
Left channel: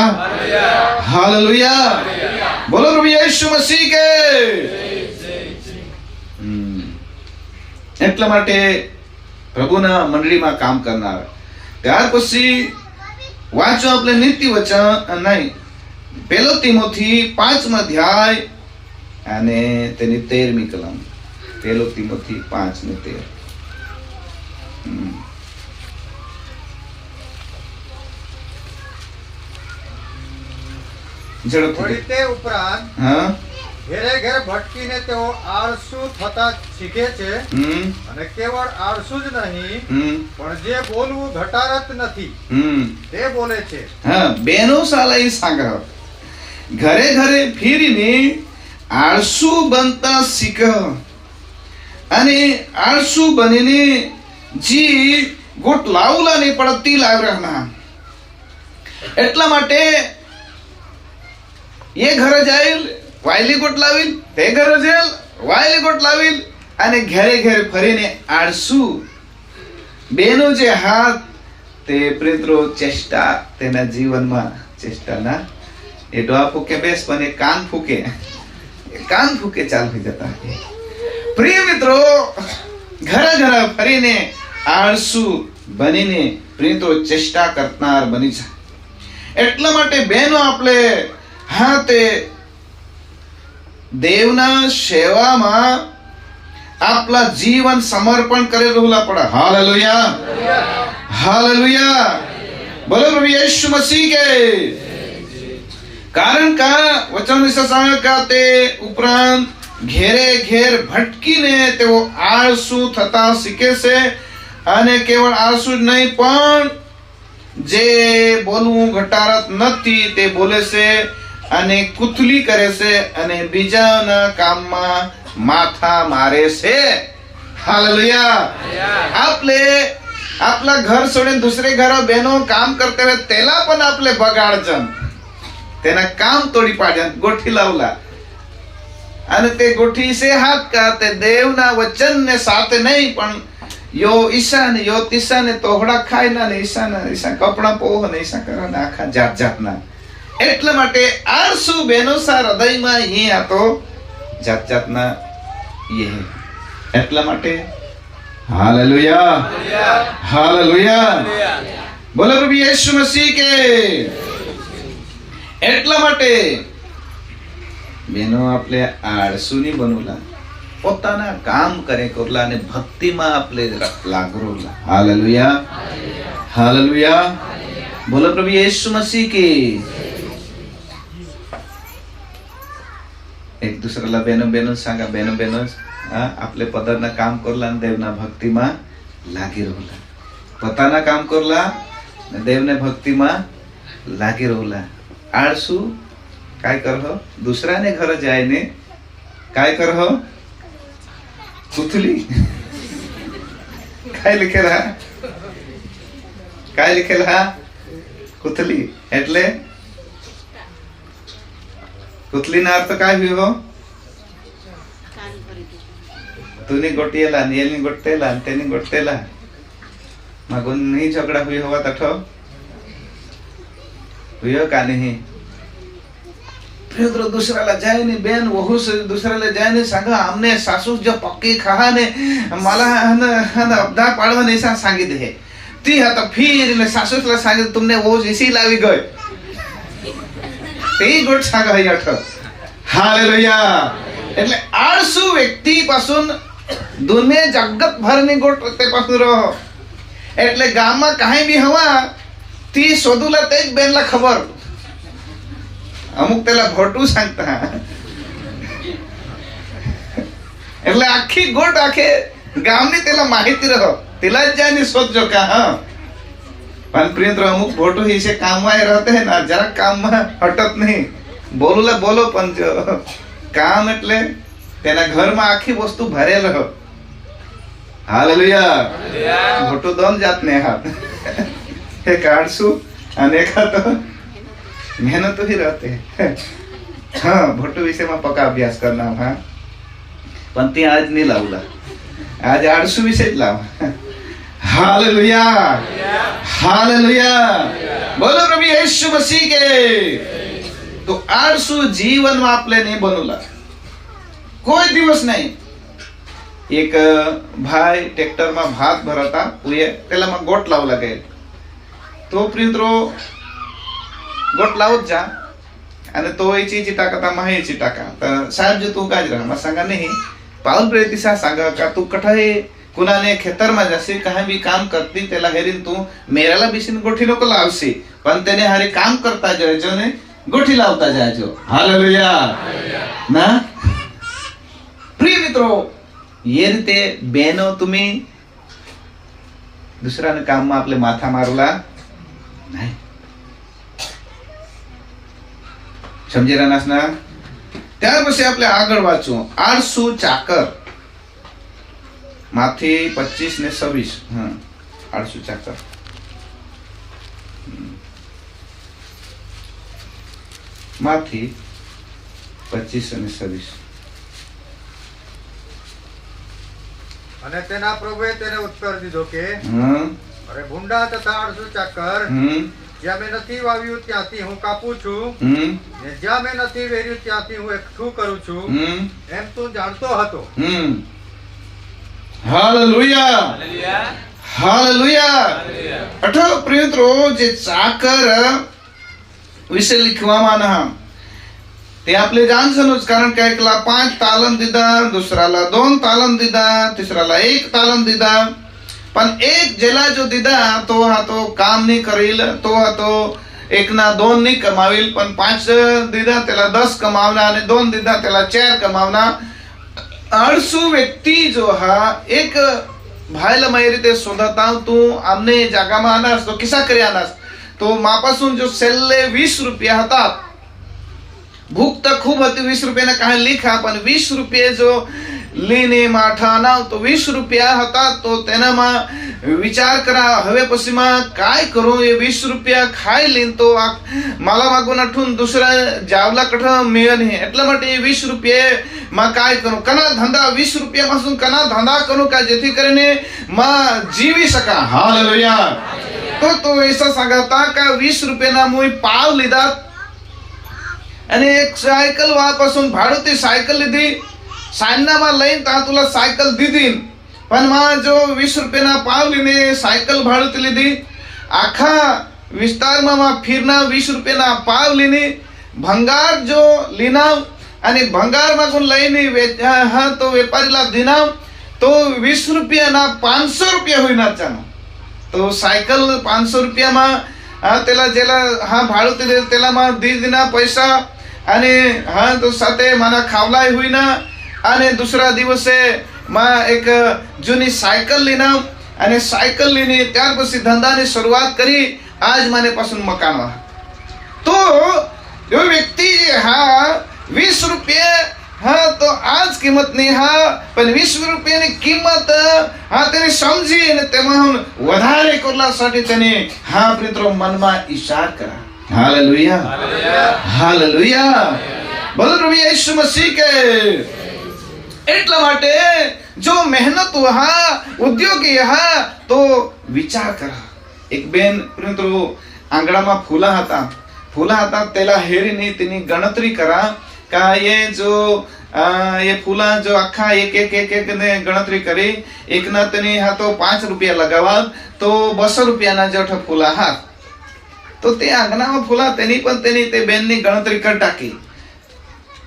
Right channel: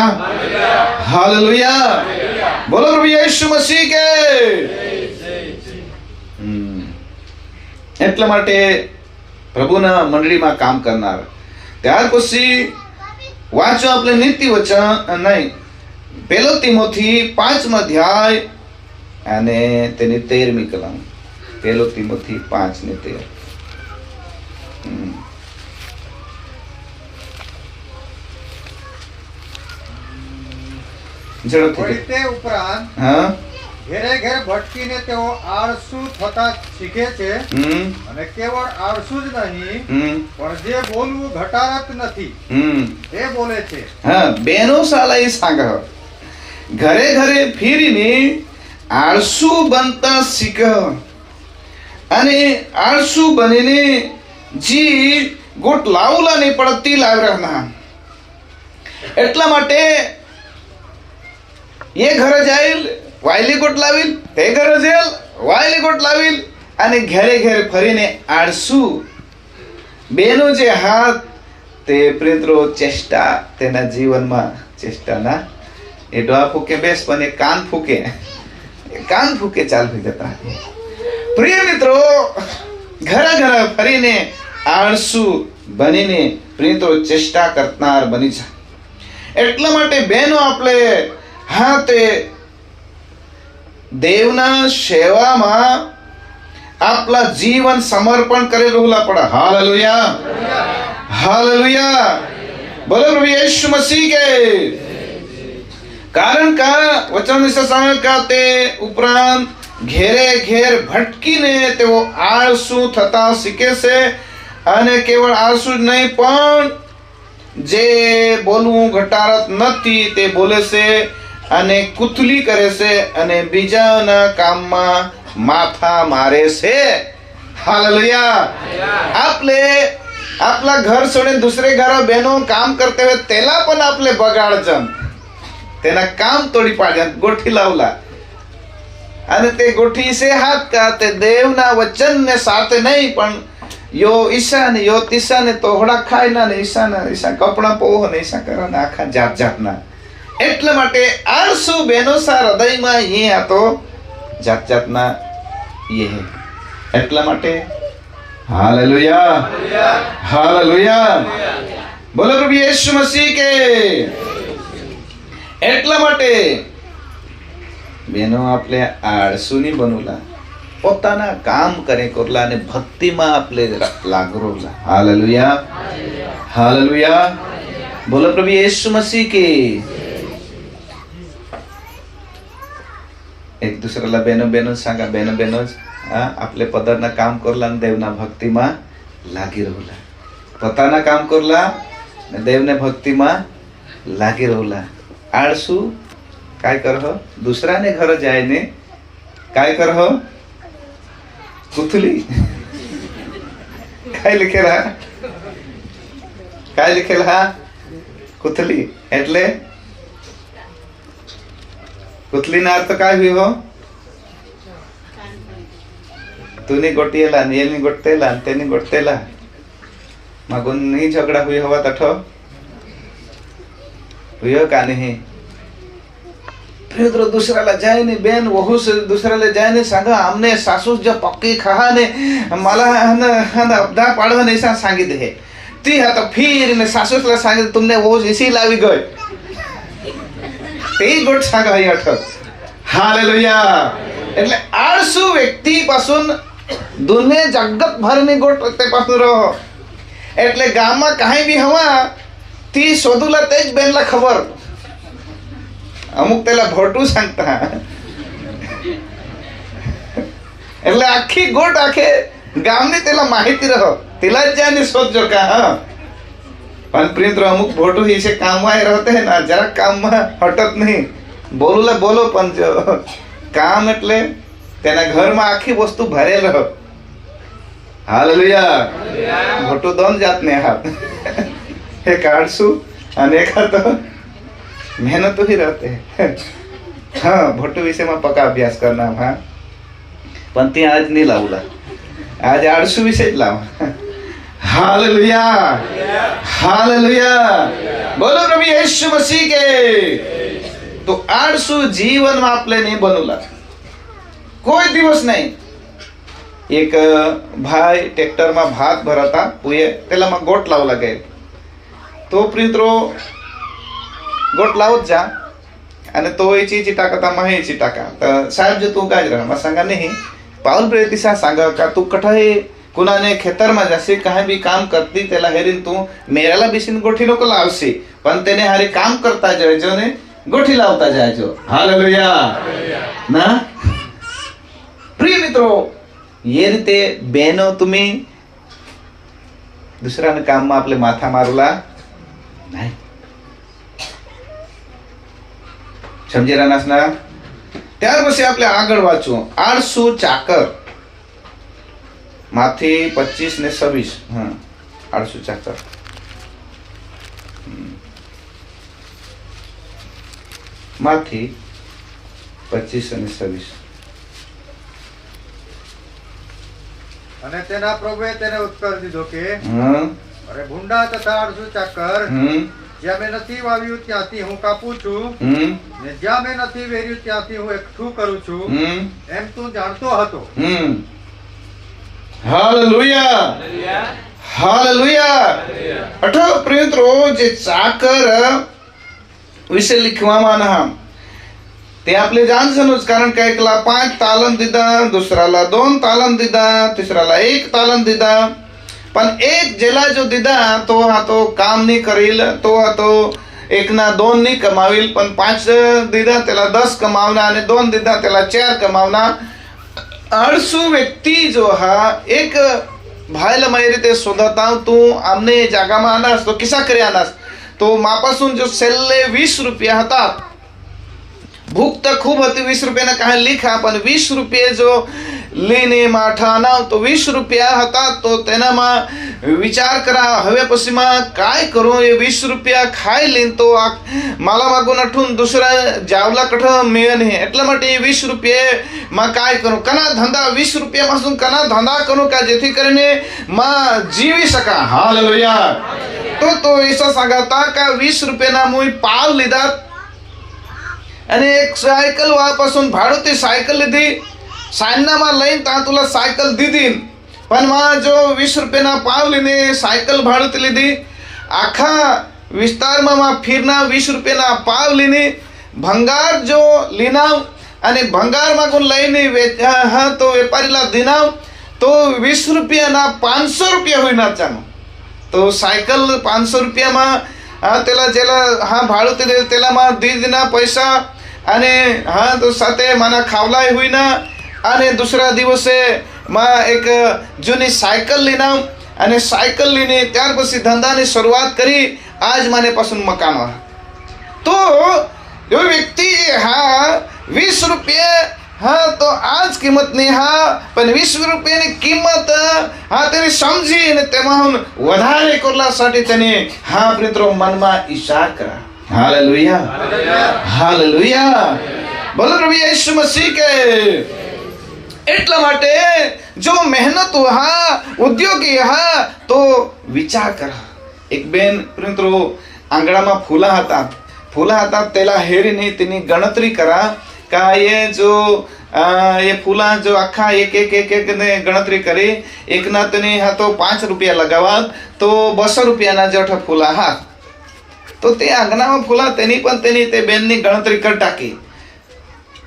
हालेलुया बोलो प्रभु यीशु मसीह के એટલા માટે પ્રભુના મંડળીમાં કામ કરનાર ત્યાર પછી વાંચો આપણે નીતિ વચન નહીં પહેલો તિમોથી 5 અધ્યાય અને તેની 13મી કલમ પહેલો તિમોથી 5:13 1 ઝડપથી. વળી તે ઉપરાંત હા. ઘેરે ઘેર ભટકીને તેઓ આળસુ થતા શીખે છે અને કેવળ આળસુ જ નહીં પણ જે બોલવું ઘટાડત નથી તે બોલે છે. હા, બેનો સાલા એ સાંગા ઘરે ઘરે ફીરીને આળસુ બનતા શીખ અને આળસુ બનીને જી ગોટ લાવલા નહીં પડતી લાવરાના. એટલા માટે એ ઘરે જાય વાયલી ગોટ લાવી, તે ઘરે જેલ વાયલી ગોટ લાવી અને ઘરે ઘરે ફરીને આળસુ બેનો જે હાથ તે પ્રેત્રો ચેષ્ટા તેના જીવનમાં ચેષ્ટાના એ ડોળા ફૂકે બેસ પણ એ કાન ફૂકે ચાલવી જતા. પ્રિય મિત્રો, ઘરે ઘરે ફરીને આળસુ બનીને પ્રેત્રો ચેષ્ટા કરનાર બની છે. એટલા માટે બહેનો આપણે હાથે દેવના સેવામાં આપલા જીવન સમર્પણ કરેલું પડે. હાલેલુયા, હાલેલુયા, બોલો પ્રભુ યીશુ મસીહ કે. કારણ કે વચન વિશે તે ઉપરાંત ઘેરે ઘેર ભટકીને તેઓ આળસુ થતા શીખે છે અને કેવળ આળસુ જ નહીં પણ જે બોલવું ઘટાડત નથી તે બોલે છે અને કુથલી કરે છે અને બીજાના કામમાં માથા મારે છે. હાલેલુયા. આપણે આપલા ઘર છોડીને દૂસરે ઘર બહેનો કામ કરते हुए તેલા પણ આપણે બગાડજન તેના કામ તોડી પાડ્યા ગોઠી લાવલા અને તે ગોઠી સે હાથ કા તે દેવના વચનને સાથે નહીં પણ યો ઈશાને યો તીશાને તોહડા ખાય ના ને ઈશા કપડા પોહ ને ઈશા કરા આખા જાત જાતના. એટલા માટે આળસુ બેનો સા હૃદયમાં એ આ તો જાત જાતના એ એટલા માટે હાલેલુયા, હાલેલુયા, બોલો પ્રભુ યીશુ મસીહ કે. એટલા માટે બેનો આપણે આળસુ નહીં બનોલા, પોતાના કામ કરે કોરલા અને ભક્તિમાં આપણે લાગરોલા. હાલેલુયા, હાલેલુયા, બોલો પ્રભુ યીશુ મસીહ કે. એક दुसऱ्याला बेनो सांगा बेनो आपले पदरना काम करला आणि देवना भक्तीમાં લાગી રહેલા. પોતાના કામ કરલા અને દેવને ભક્તિમાં લાગી રહેલા. આળસુ काय करह दुसऱ्याने घर जायने काय करह कुथली काय लिखेला कुथली એટલે कुथली ना अर्थ काय हुई हो तूने गोटियेला नेलनी गोटतेला तेनी गोटतेला मागून नहीं झगड़ा हुई हवा तठो हुई का नहीं. फिर दूसऱ्याला जाय ने बेन वहू से दूसऱ्याला जाय ने सांगा हमने सासू जो पक्की खा ने मला हन अपदा पाडवा ने सांगितले हे ती आता फिर ने सासूला सांगितले तुमने वो इसी लावी गई ते गोट सांगा हे अठ. हालेलुया. એટલે આળસુ વ્યક્તિ પાसून દુને જગત ભરની ગોટ તે પાसून રહો. એટલે ગામમાં કાંઈ બી હવા તી શોધુલા તેજ બેનલા ખબર અમુક પેલા ભોટું सांगता એટલે આખી ગોટ આખે ગામની તેલા માહિતી રહો તેલા જ જાને શોધજો કા. હા પણ પ્રિયત્ર અમુક ભોટું હિસે કામમાં રહેતે હે ના જરા કામમાં હટત નહીં બોલુલા બોલો પણ જો કામ એટલે તેના ઘરમાં આખી વસ્તુ ભરેલ રહો. હાલેલુયા. ભોટું દોન જાતને હાથ એ કાઢશું અને ખાતો मेहनत तो ही रहते हैं. हाँ भोटू विषय में पक्का अभ्यास करना. हाँ पण ते आज नहीं लावला आज आळसू विषय लावा. हालेलुया, हालेलुया, बोलो प्रभु यीशु मसीह के. तो आळसू जीवन में आपले नहीं बनवला कोई दिवस नहीं. एक भाई ट्रॅक्टर में भात भरता पुये त्याला मग गोट लावला गेल तो प्रियत्रो गोट लावत जा आणि तो याची टाकता माहिती टाका तर साहेब जे तू काय मग सांगा नाही पाऊल प्रेतिसा सांगा का तू कठाई कुणाने खेतर में जासे काही भी काम करती त्याला हेरीन तू मेराला बिसीन गोठी नको लावशी पण त्याने हरे काम करता जो ने ગોઠી લાવતા જાજો. હાલેલુયા. ના પ્રિય મિત્રો, એ રીતે બહેનો તમે દુસરાના કામમાં આપણે માથા મારલા નહીં. સમજી રહ્યા ના? ત્યાર પછી આપણે આગળ વાંચો. આળસુ ચાકર માંથી 25 ને 26. હા, આળસુ ચાકર. માંથી 25 અને 26. અને તેના પ્રભુએ તેને ઉત્તર દીધો કે હમ અરે ભૂંડા તથા આળસુ ચાકર, હમ જ્યાં મેં નથી વાવ્યું ત્યાંથી હું કાપું છું, હમ ને જ્યાં મેં નથી વેર્યું ત્યાંથી હું એકઠું કરું છું, હમ એમ તું જાણતો હતો. હાલેલુયા. હાલેલુયા. અઠો પ્રિય મિત્રો, જે ચાકર વિશે लिखવામાં ના તે આપણે જાણશું જ, કારણ કે એકલા 5 તાલમ દીધા, દુસરાला 2 તાલમ દીધા, તીસરાला 1 તાલમ દીધા. પણ એક જેલા જો દીધા તો આ તો કામ નહીં કરેલ, તો આ તો એકના 2 નહીં કમાવેલ, પણ 5 દીધા તેલા 10 કમાવના, અને 2 દીધા તેલા 4 कमावना. आळसू व्यक्ती जो हा एक भायला माही रीते शोधत तू आमने जागाમાં આનાસ તો કિસ્સા કરી આનાસ તો માપાसून जो सेल्ले 20 रुपया હતા, भूक तर खूप होती, 20 रुपयाना काही लिखा, पण 20 रुपये जो લેને માઠા નાવ તો 20 રૂપિયા હતા. તો તેનામાં વિચાર કરા હવે પછીમાં काय करू, એ 20 રૂપિયા ખાઈ લઈને તો માલા માગું નઠું દુસરા જાવલા કઠ મેન હે, એટલા માટે 20 રૂપિયા માં काय करू, કના ધંધા 20 રૂપિયા માં કના ધંધા કરું का જેથી કરીને માં જીવી શકા. હાલેલુયા. તો એસા सांगता का 20 રૂપિયાના મુઈ પાવ લીધા અને એક સાયકલ વાપાसून ભાડુતી સાયકલ લીધી, સાયનામાં લઈને તા તુલા સાયકલ દીધી, પણ માં જો 20 રૂપિયાના પાવ લઈને સાયકલ ભાડુતી લીધી. આખા વિસ્તારમાં માં ફીરના 20 રૂપિયાના પાવ લઈને ભંગાર જો લીનાવ અને ભંગારમાં કોણ લઈને હા તો વેપારીલા દીનાવ તો 20 રૂપિયાના 500 રૂપિયા હોય ના ચાનો. તો સાયકલ 500 રૂપિયામાં તેલા જેલા હા ભાડુતી દે તેલામાં દીદીના પૈસા અને હા તો સાથે માના ખાવલાય હોય ના. અને દુસરા દિવસે માં એક જૂની સાયકલ લીના અને સાયકલ લઈને ત્યાર પછી ધંધાની શરૂઆત કરી. આજ મને પાછું મકાન. તો એ વ્યક્તિ હા 20 રૂપિયા હા તો આજ કિંમત નહીં, હા પણ 20 રૂપિયાની કિંમત હા તેને સમજી અને તેમાં વધારે કરલા માટે તેને હા મિત્રો મનમાં ઈશાર કરા. હાલેલુયા. હાલેલુયા. બોલો પ્રભુ ઈસુ મસીહ કે. એટલા માટે જો મહેનત હા ઉદ્યોગી હા તો વિચાર કરા. એક બેન મિત્રો આંગણામાં ફૂલા હતા તેલા હેરીની તેની ગણતરી કરા કા એ જો એ ફૂલા જો આખા એક ને ગણતરી કરી, એકના તેને હા તો 5 રૂપિયા લગાવવા તો 200 રૂપિયાના જેઠા ફૂલા હા. તો તે આંગણામાં ફૂલા તેની પણ તેની તે બેનની ગણતરી કરી ટાકી.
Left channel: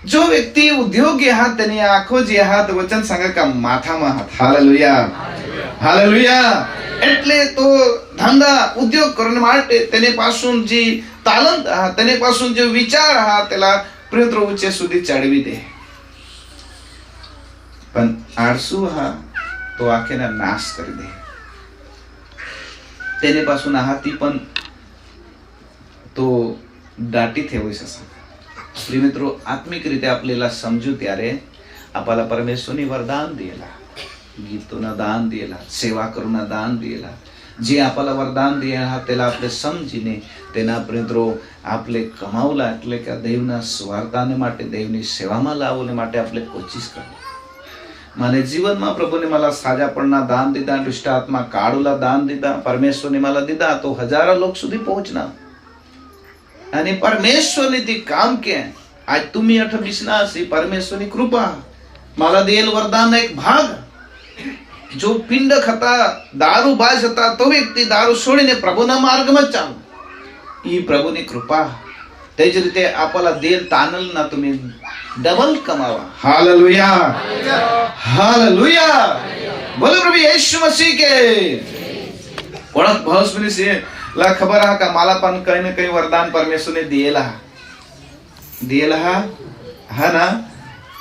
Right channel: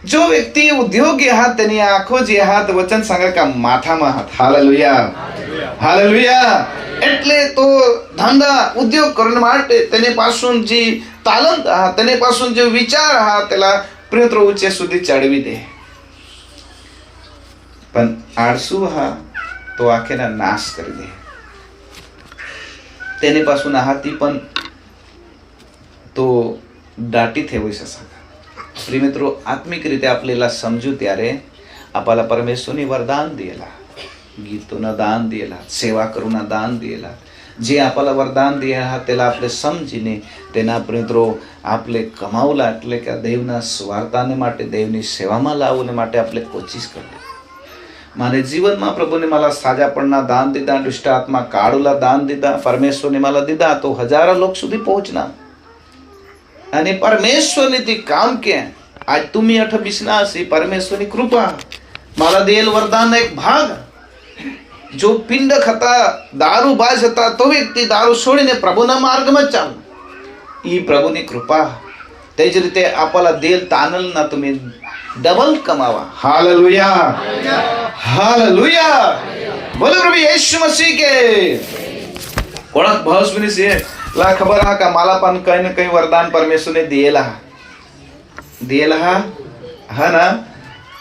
जो व्यक्ति उद्योगी हाथ तेनी आंखो जे हाथ वचन सांगा का माथाમાં हाथ. हालेलुया. हालेलुया. એટલે તો ધંધા ઉદ્યોગ કરવા માટે તેને પાसून જે તાલંત હા તેને પાसून જે વિચાર હા તેલા પ્રિયત્ર ઊંચે સુધી ચડવી દે. પણ આળસુ હા તો આખેના નાશ કરી દે. તેને પાसून આહાતી પણ તો દાટી થેવી શકે. प्रिय मित्रों, आत्मिक रीते आपल्याला समजू त्यारे आपल्याला परमेश्वरनी वरदान दिएला, गीतोना दान दिएला, सेवा करूना दान दिएला. जे आपल्याला वरदान दिएला त्याला आपले समजीने तेना મિત્રો આપણે કમાવલા એટલે કે દેવના સ્વાર્થાને માટે દેવની સેવામાં લાવવાને માટે આપણે કોશિશ કરવી. મારે જીવનમાં પ્રભુને मला સાજાપણના દાન દીધા, દુષ્ટ આત્મા કાઢુલા દાન દીધા, પરમેશ્વરને मला દીધા તો હજારો लोक સુધી પહોંચના. आणि परमेश्वरने ते काम के आज तुम्ही 28 अशी परमेश्वरनी कृपा मला देईल वरदान एक भाग. जो पिंड खाता दारूबाज होता तो व्यक्ती दारू सोडीने प्रभुना मार्गમાં ચાલો. ई प्रभुनी कृपा त्याच रीते आपल्याला देईल तानल ना तुम्ही डबल कमावा. हालेलुया. हालेलुया. बोलो प्रभु यीशु मसीह के. कोणाक भावस्विनी से ला खबर हा का मला पण काही ना काही वरदान परमेश्वरने दिलेला. दिएला हा ना,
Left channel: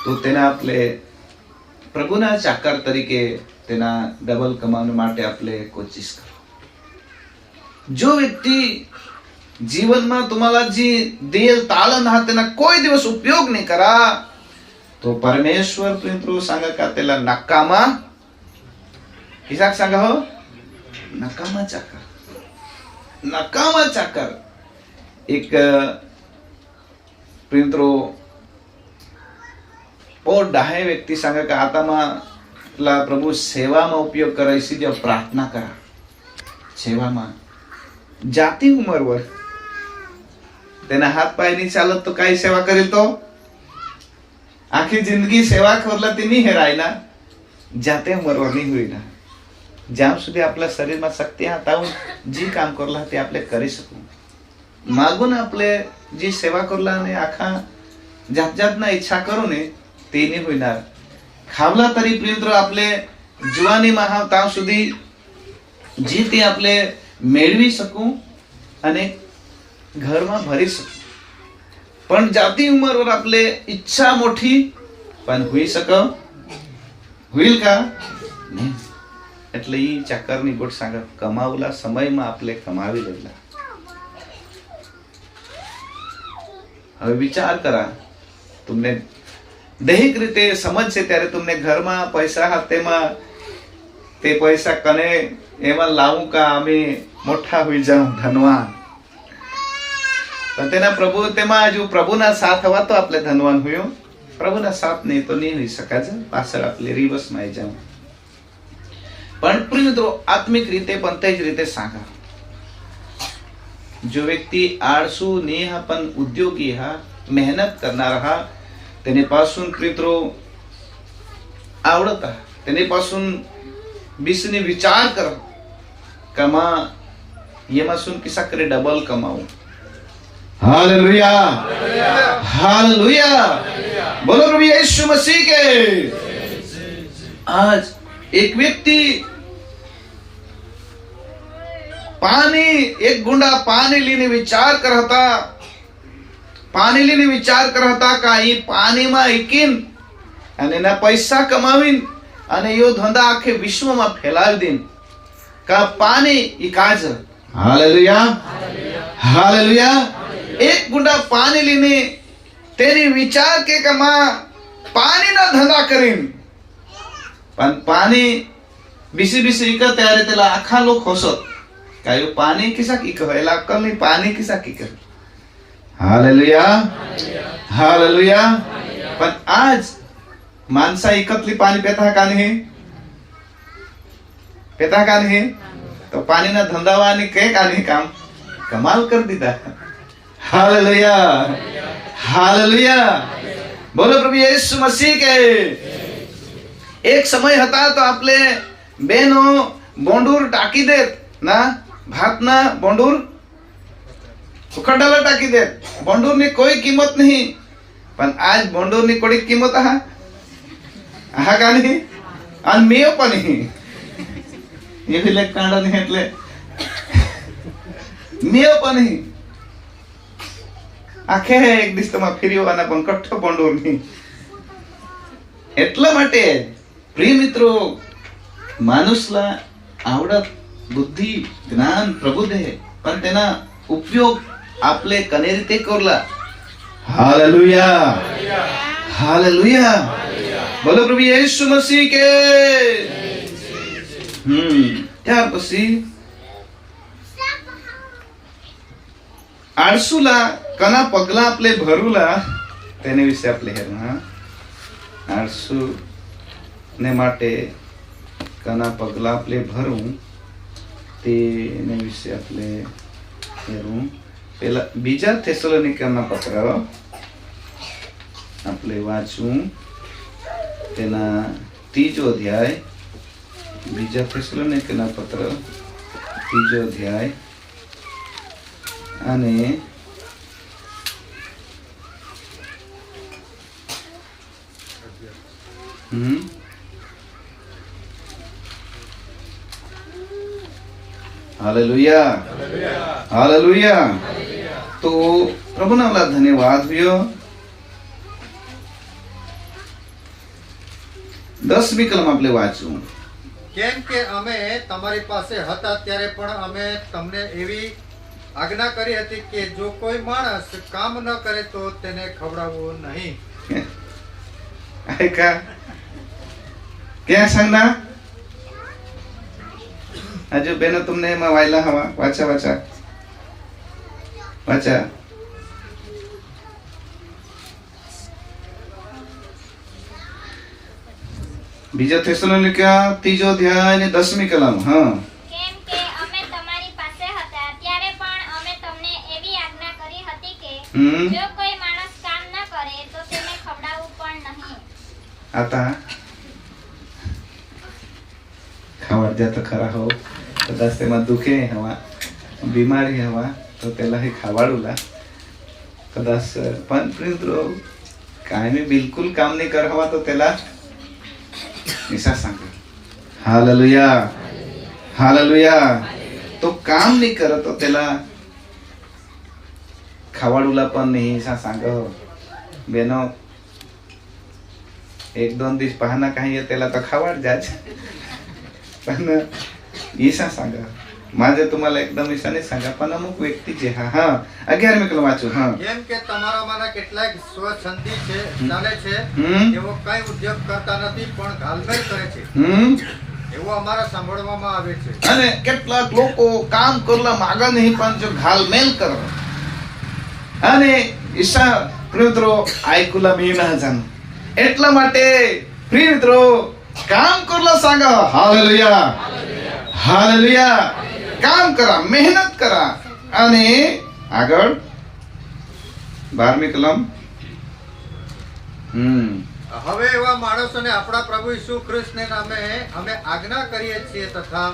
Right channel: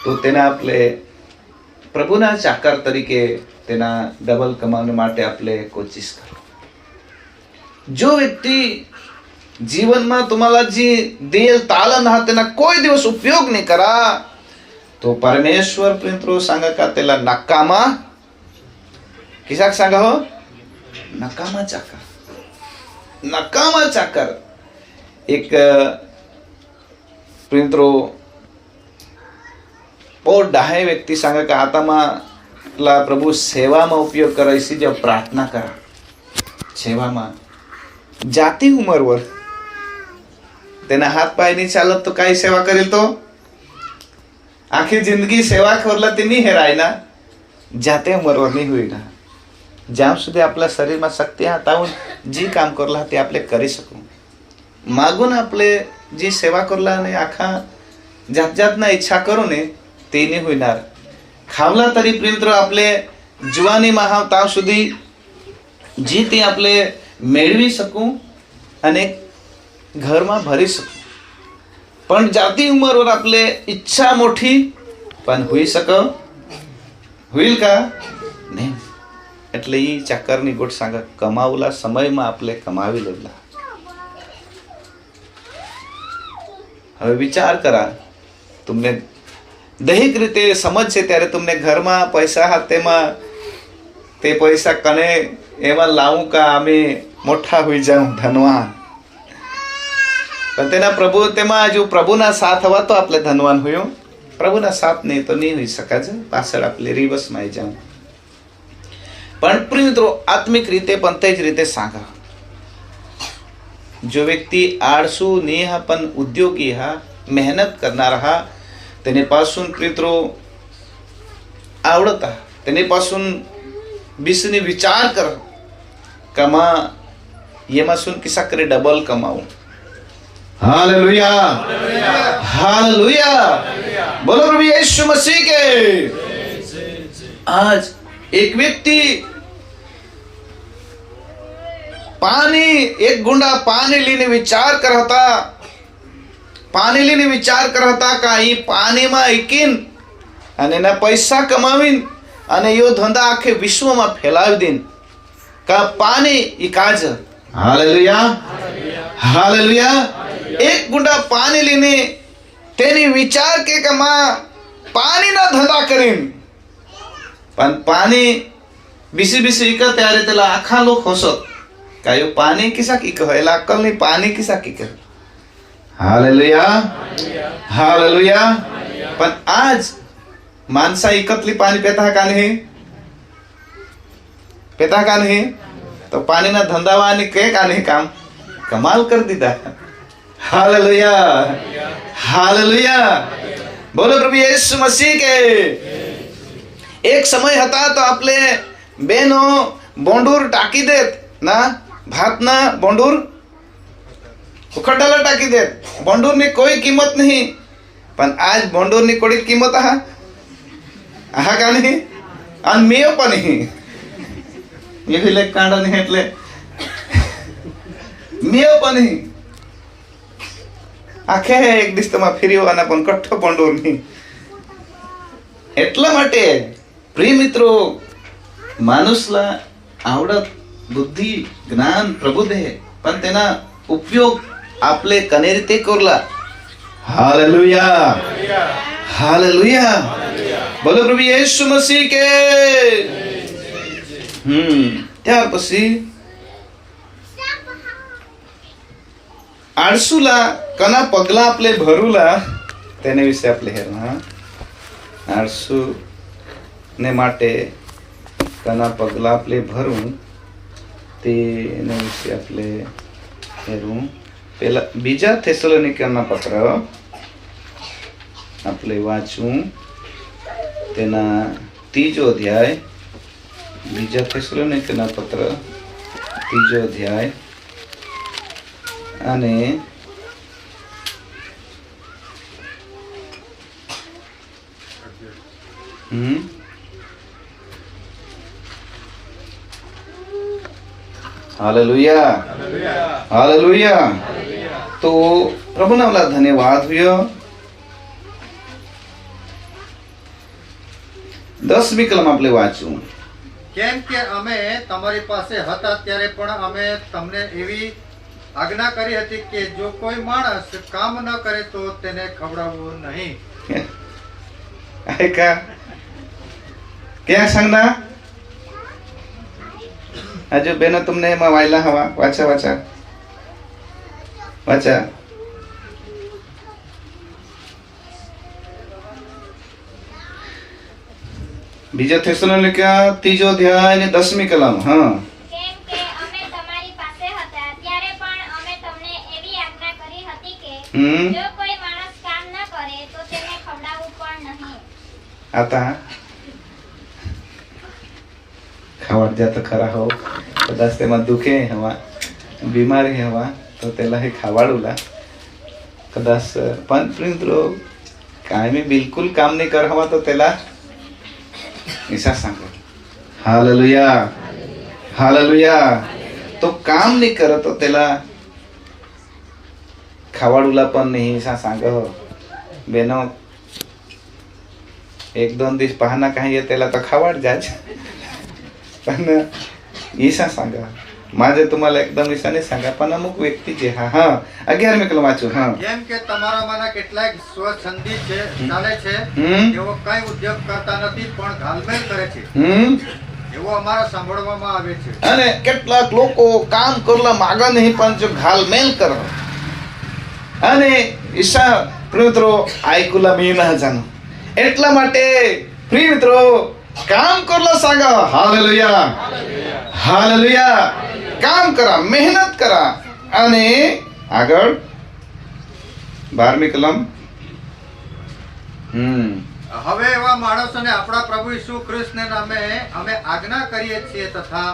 તો તેના આપણે પ્રભુના ચાકર તરીકે તેના ડબલ કમાવા માટે આપણે કોશિશ કરો. જો વ્યક્તિ જીવનમાં तुम्हाला जी दिएल तालन हा તેના કોઈ દિવસ ઉપયોગ નહીં करा, तो परमेश्वर प्रिंत्रो सांगा का त्याला नकामा किसाक सांगा हो, नकामा चाकर. नकामा चाकर एक प्रिंत्रो और 10 व्यक्ती सांगा का आता मला प्रभु सेवाમાં उपयोग करायची जेव्हा प्रार्थना करा, सेवाમાં जाती उमरवर તેના હાથ પાય નહીં ચાલત તો કઈ સેવા કરેલ, તો આખી જિંદગી સેવા કરલા તે નહીં હેરાય ના, જાતે ઉમરवर નહીં હોય ના. જ્યાં સુધી આપણા શરીરમાં શક્તિ હતા જે કામ કરલા તે આપણે કરી શકું, માગુન આપણે જે સેવા કરલા ને આખા જાત જાતના ઈચ્છા કરો ને તે નહીં હોઈનાર. ખાવલા તરી પ્રિંત્ર આપણે જુવાનીમાં હાવ ત્યાં સુધી જે તે આપણે મેળવી શકું અને ઘરમાં ભરી શકું, પણ જાતી ઉંમરवर आपले ઈચ્છા મોટી પણ હોઈ શકે હોईल का નહીં. એટલે ઈ ચાકરની ગોટ सांगा કમાવલા સમયમાં આપણે કમાવી લેલા. હવે વિચાર કરા, તમને દૈહિક રીતે સમજ છે ત્યારે તમને ઘરમાં પૈસા હાથેમાં તે પૈસા કને એમાં લાવું કા અમે મોટા હોઈ જાઉં ધનવાન, પણ તેના પ્રભુ તેમાં જો પ્રભુના સાથ હવા તો આપણે ધનવાન હોયો, પ્રભુના સાથ નહીં તો નહીં હોઈ શકાય છે, પાછળ આપણે રિવર્સમાં આવી જાઉં. પણ મિત્રો આત્મિક રીતે પણ તે જ રીતે सांगा, जो व्यक्ती आळसू नाही हा पण उद्योगी हा मेहनत करणारा हा, त्याने पासून प्रित्रो आवडता, त्याने पासून बिसने विचार कर कमा येमासून किसा करे डबल कमाऊ. हालेलुया हालेलुया, बोलो प्रभु यीशु मसीह के. आज एक व्यक्ति पानी एक गुंडा पानी लेने विचार करता, पाणी लेने विचार करता का ही पाणीમાં એકીન અને એના પૈસા કમાવીન અને યો ધંધા આખે વિશ્વમાં ફેલાવી દેન કા પાણી ઈ કાજ. Hallelujah hallelujah. એક ગુંડા પાણી લઈને તેની વિચાર કે કમા પાણીના ધંધા કરીન, પણ પાણી બીસી બીસી ઈક ત્યારે તેલા આખા લોક હોસત કાયો પાણી કિસા કી કહેલા અક્કલ નહીં, પાણી કિસા કી કહે. Hallelujah hallelujah. पण आज माणसा एकतली पाणी पेता का नाही, पेता का नाही, तो पाणीना धंदावा आणि काय का नाही काम कमाल कर दीदा. हालेलुया हालेलुया, बोलो प्रभु यीशु मसीह के. एक समय હતા તો આપણે બેનો બોંડુર टाकी देत ना, भातना बोंडूर उखडाला टाकी देत. बोंडूरनी कोई किंमत नहीं, पण आज बोंडूरनी कोडी किंमत आहा का नहीं, आणि मेव पण नहीं. मी विले कांडा नहीं એટલે मेव पण नहीं. આખે એક દિસ્તમાં ફેરીવાના પણ કઠ્ઠો બોંડૂર નહીં. એટલા માટે પ્રિય મિત્રો માણસला आवडत बुद्धी ज्ञान प्रभु दे, पण તેના उपयोग आपले कने रीते करला. हालेलुया हालेलुया, बोलो प्रभु यीशु मसीह के. ત્યાર પછી આળસુલા કના પગલા આપણે ભરુલા તેને વિશે આપણે હેરના. આળસુ ને માટે કના પગલા આપણે ભરું તેને વિશે આપણે હેરું. પેલા બીજા થેસલોનિકના પત્ર આપણે વાંચવું, તેના 3જો અધ્યાય, બીજા થેસલોનિકના પત્ર 3જો અધ્યાય અને हालेलुया हालेलुया. तो प्रभुना मला धन्यवाद हुयो. 10મી કલમ આપણે વાંચવું. કેમ કે અમે તમારી પાસે હતા ત્યારે પણ અમે તમને એવી આજ્ઞા કરી હતી કે જો કોઈ માણસ કામ ન કરે તો તેને ખવડાવવું નહીં. ऐका क्या सांगना आजो बेनो तुमने एમાં વાયલા હવા વાંચા વાંચા વાંચા. બીજા થેસલોનિકા 3 અધ્યાય અને 10મી કલમ. હા, કેમ કે અમે તમારી પાસે હતા ત્યારે પણ અમે તમને એવી આજ્ઞા કરી હતી કે જો કોઈ માણસ કામ ન કરે તો તેને ખવડાવવું પણ નહીં. आता ખાવડ જાત ખરા હો કદાચ તેમાં દુખે હવા બીમારી હવા તો તેલા હે ખાવાડુલા કદાચ પણ મિત્રો કાયમી બિલકુલ કામ નહીં કર હવા તો તેલા ઈસા सांगे हालेलुया हालेलुया. तो काम नहीं करे तो तेला खावाडूला पण नहीं ईसा सांगे बेनो 1-2 दिवस पाहना काही त्याला तर खावाड जायच पण ईसा सांगा माझे तुम्हाला एकदम ईसाने सांगा पण अमुक व्यक्ती जे हा 11મી કલમ વાંચો. હા, જેમ કે તમારામાંના કેટલાક સ્વછંદી છે ચાલે છે તેઓ કઈ ઉદ્યોગ કરતા નથી પણ ઘાલમેલ કરે છે એવો અમારા સાંભળવામાં આવે છે. અને કેટલાક લોકો કામ કરવા માંગે નહીં પણ જો ઘાલમેલ કરે અને ઈસા મિત્રો આયકુલા મી ના જાણો એટલા માટે પ્રિય મિત્રો કામ કરવા सांगा. Hallelujah hallelujah. કામ કરા મહેનત કરા અને આગળ 12મી કલમ. હવે એવા માણસોને આપણા પ્રભુ ઈસુ ખ્રિસ્તને નામે અમે આજ્ઞા કરીએ છીએ તથા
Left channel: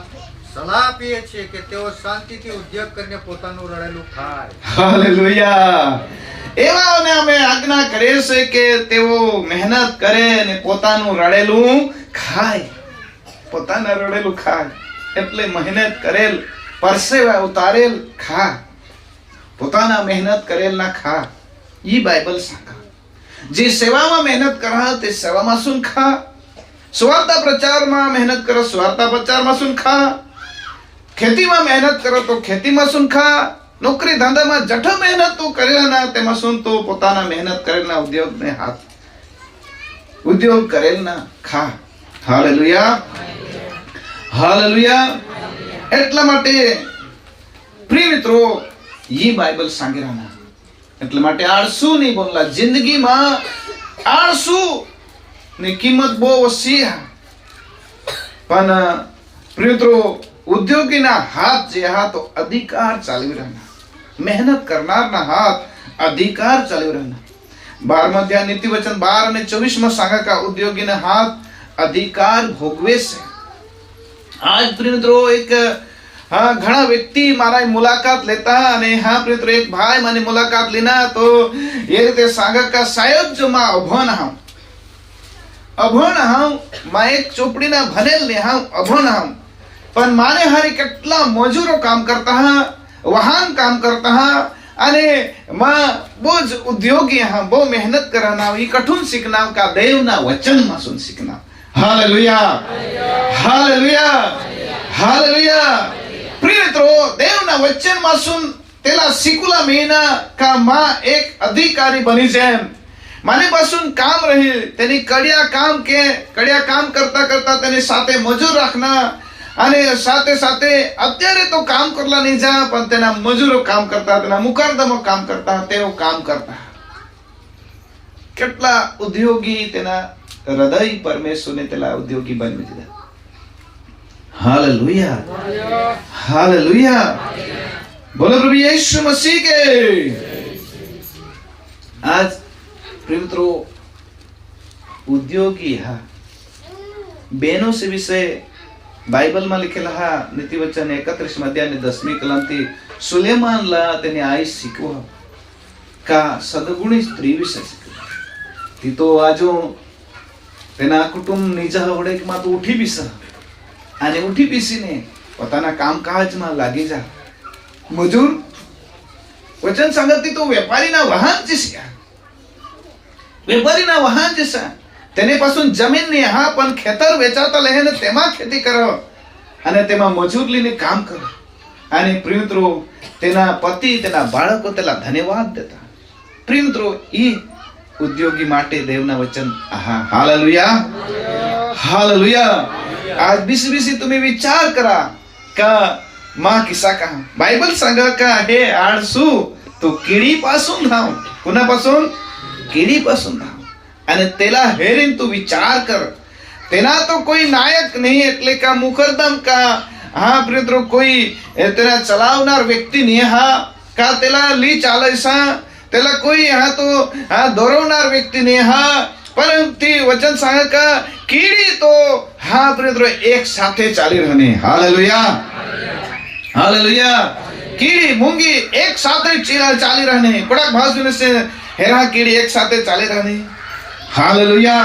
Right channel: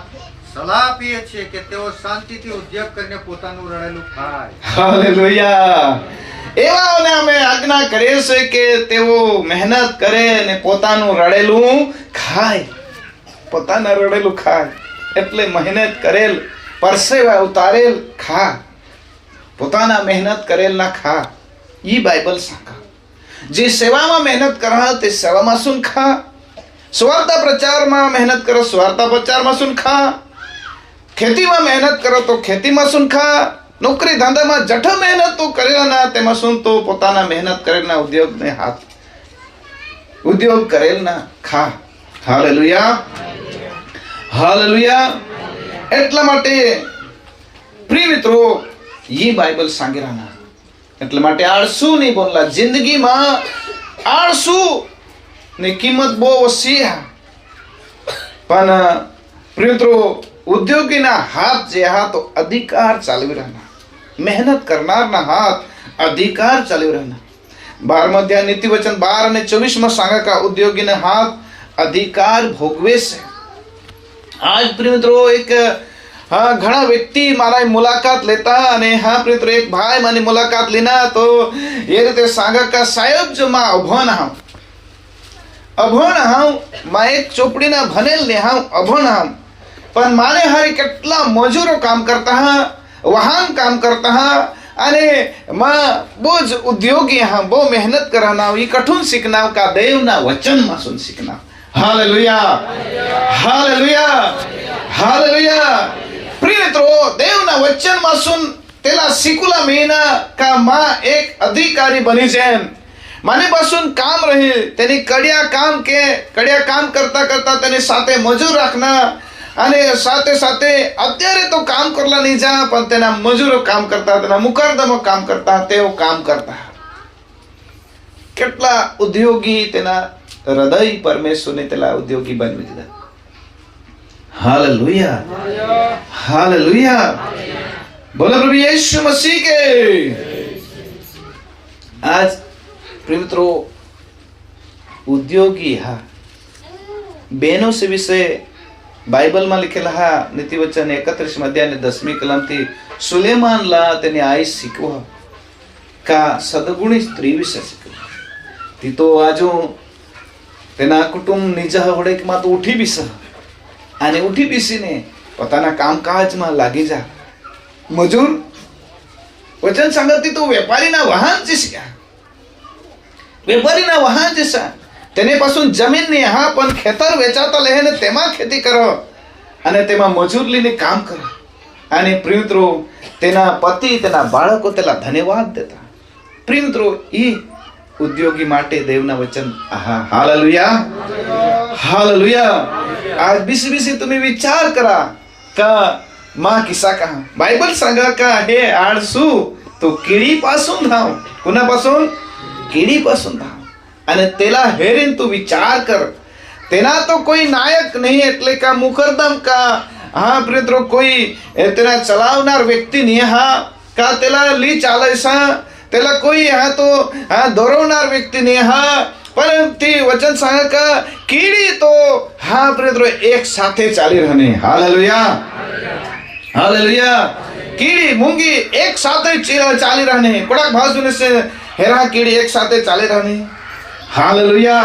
સલાહ આપીએ છીએ કે તેઓ શાંતિથી ઉદ્યોગ કરીને પોતાનું રડેલું ખાય. હાલેલુયા. એવાઓને અમે આજ્ઞા કરીએ છે કે તેઓ મહેનત કરે અને પોતાનું રડેલું ખાય. પોતાના રડેલું ખાય એટલે મહેનત કરેલ પરસેવા ઉતારેલ ખા. પોતાના મહેનત કરેલ ના ખા. ઈ બાઇબલ સાંગા જે સેવામાં મહેનત કરા તે સેવામાં સુન ખા. સ્વાર્થ પ્રચારમાં મહેનત કરો સ્વાર્થ પ્રચારમાં સુન ખા. ખેતીમાં મહેનત કરો તો ખેતીમાં સુન ખા. નોકરી ધંધામાં જઠ મહેનત તો કરેલા તેમાં સુન તો પોતાના મહેનત કરેલા ઉદ્યોગને હાથ ઉદ્યોગ કરેલના ખા. Hallelujah hallelujah. એટલા માટે પ્રિય મિત્રો ઈ બાઇબલ સાંગેરાના એટલા માટે આળસુ નહીં બોલલા. જિંદગીમાં આળસુ ની કિંમત બહુ ઓછી પણ પ્રિય મિત્રો ઉદ્યોગીના હાથ જે હા તો અધિકાર ચાલવી રહેના. મહેનત કરનારના હાથ અધિકાર ચાલવી રહેના. 12મા અધ્યાય નીતિ વચન 12 અને 24 सांगा का ઉદ્યોગીને હાથ અધિકાર ભોગવે છે. આજ પ્રિય મિત્રો એક ઘણા વ્યક્તિ મારા મુલાકાત લેતા અને પ્રિય મિત્રો એક ભાઈ મારી મુલાકાત લેના તો એ રીતે सांगा का સાહેબ જો માં અભણ હાઉ માં એક ચોપડીના ભણેલ ને હાઉ અભણ હાઉ પણ માને હારી કેટલા મજૂરો કામ કરતા હા વાહન કામ કરતા હા અને માં બહુ જ ઉદ્યોગી હા બહુ મહેનત કરાના ઈ કઠુન શીખના કા દેવના વચનમાં સુન શીખના. Hallelujah hallelujah hallelujah. પ્રિય મિત્રો દેવના વચનમાં સુન તેલા શીખુલા મહિના કા માં એક અધિકારી બની છે. મારી પાસું કામ રહે તેની કડિયા કામ કરતા કરતા તેની સાથે મજૂર રાખના અને સાથે સાથે અત્યારે તો કામ કરલા નહીં જા પણ તેના મજૂરો કામ કરતા તેના મુકરદમો કામ કરતા તેઓ કામ કરતા. કેટલા ઉદ્યોગી તેના હૃદય પરમેશ્વરને તેલા ઉદ્યોગી બની દીધા. Hallelujah hallelujah. બોલો પ્રભુ યીશુ મસીહ કે. आज प्रिमित्रो उद्योगी हा बहनों से विषय बाइबल में लिखेला हा नीति वचन 31 अध्याय 10મી कलम थी सुलेमान ला तेने आई शिकवा का सदगुणी स्त्री विषय शिकवा ती तो आजो तेना कुटुंब निजा होडेक માં તો ઉઠી બીસ અને ઉઠી બીસીને પોતાના કામકાજમાં લાગી જા. મજૂર વચન સંગતિ તો વેપારીના વાહન છે. વેપારીના વાહન જૈસા તેની જમીન ની હા પણ ખેતર વેચાતા લઈને તેમાં ખેતી કરો અને તેમાં મજૂર લઈને કામ કરો. અને પ્રિય મિત્રો, તેના પતિ, તેના બાળકો તેના ધન્યવાદ દેતા. પ્રિય મિત્રો, એ ઉદ્યોગી માટે દેવના વચન. Hallelujah, hallelujah. आज बिसी बिसी तुम्ही विचार करा का माँ किस्सा कहा बायबल सांगा का हे आळसू तो किडीपासून धाव. कुणापासून? किडीपासून धाव. અને તેલા હેરીન તું વિચાર કર, તેના તો કોઈ નાયક નહીં, એટલે કા મુકરદમ કા હા પ્રિત્રો કોઈ તેના ચલાવનાર વ્યક્તિ નહીં, હા કા તેલા લી ચાલસા તેલા કોઈ હા તો હા દોરવનાર વ્યક્તિ નહીં, હા પરંતુ વચન सांगा का कीड़ी तो हाँ प्रियो एक साथे चाली रहने. Hallelujah, hallelujah. कीड़ी मूंगी एक साथे चाली रहने. कोड़ाक भाषण से हेरा कीड़ी एक साथे चाली रहने. हालेलुया.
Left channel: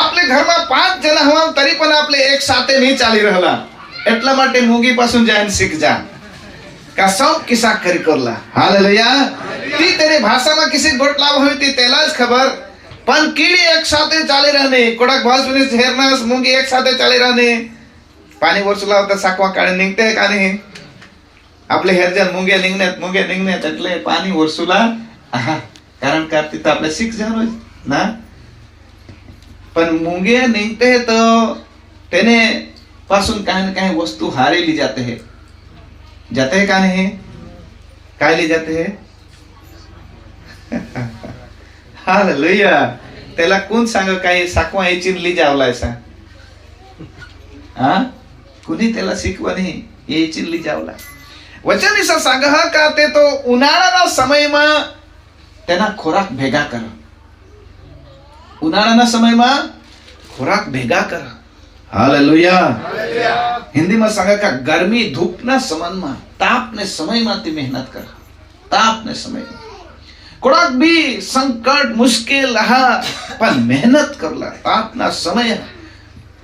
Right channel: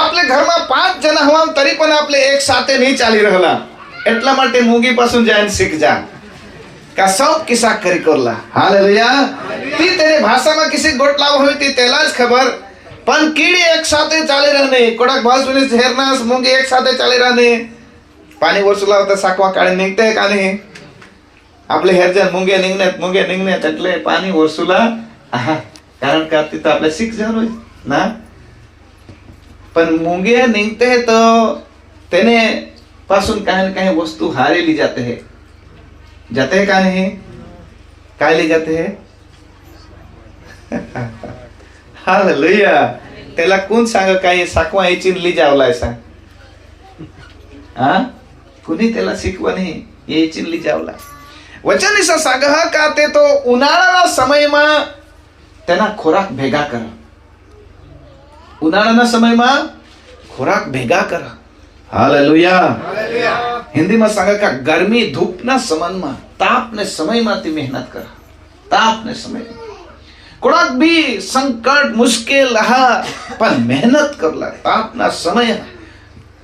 आपले घરમાં 5 જણા હોવા તરી પણ આપણે એક સાથે નહીં ચાલી રહેલા, એટલા માટે મૂંગી પાसून જઈને શીખ જા का सब કિસ્સા કરી કરલા. हालेलुया. ती तेरे भाषाમાં किसी ગોટલા હોય ती તેલા જ ખબર, પણ કીડી એક સાથે ચાલી રહને. કોડાક ભાષણ से हेरनास मूंगी एक સાથે ચાલી रहने. પાણી વરસુલા હોતા સાકવા કાઢે નીકતે કાને આપણે હેરજન મૂંગે નીંગને એટલે પાણી વરસુલા કારણ કે આપતી તો આપણે શીખ જવાનું ના. પણ મૂંગે નીકते हैं तो તેને पासून काही न काही वस्तु हारे ली जाते हैं का नहीं, काय ले जाते हैं. हालेलुया. त्याला कोण सांग काय साकवा याची ली जावलाय सांग, हा कुणी त्याला शिकवा नाही याची ली जावला. वचन इसा सांग का ते तो उन्हाळाના સમયમાં તેના ખોરાક ભેગા કર. ઉનાળાના સમયમાં ખોરાક ભેગા કર. हालेलुया. हिंदीમાં सांगा का गर्मी धूपના સમયમાં તાપને સમયમાંથી મહેનત કર. તાપને સમયમાં કોડાક બી સંકટ મુશ્કેલ હા પણ મહેનત કરલા. તાપના સમય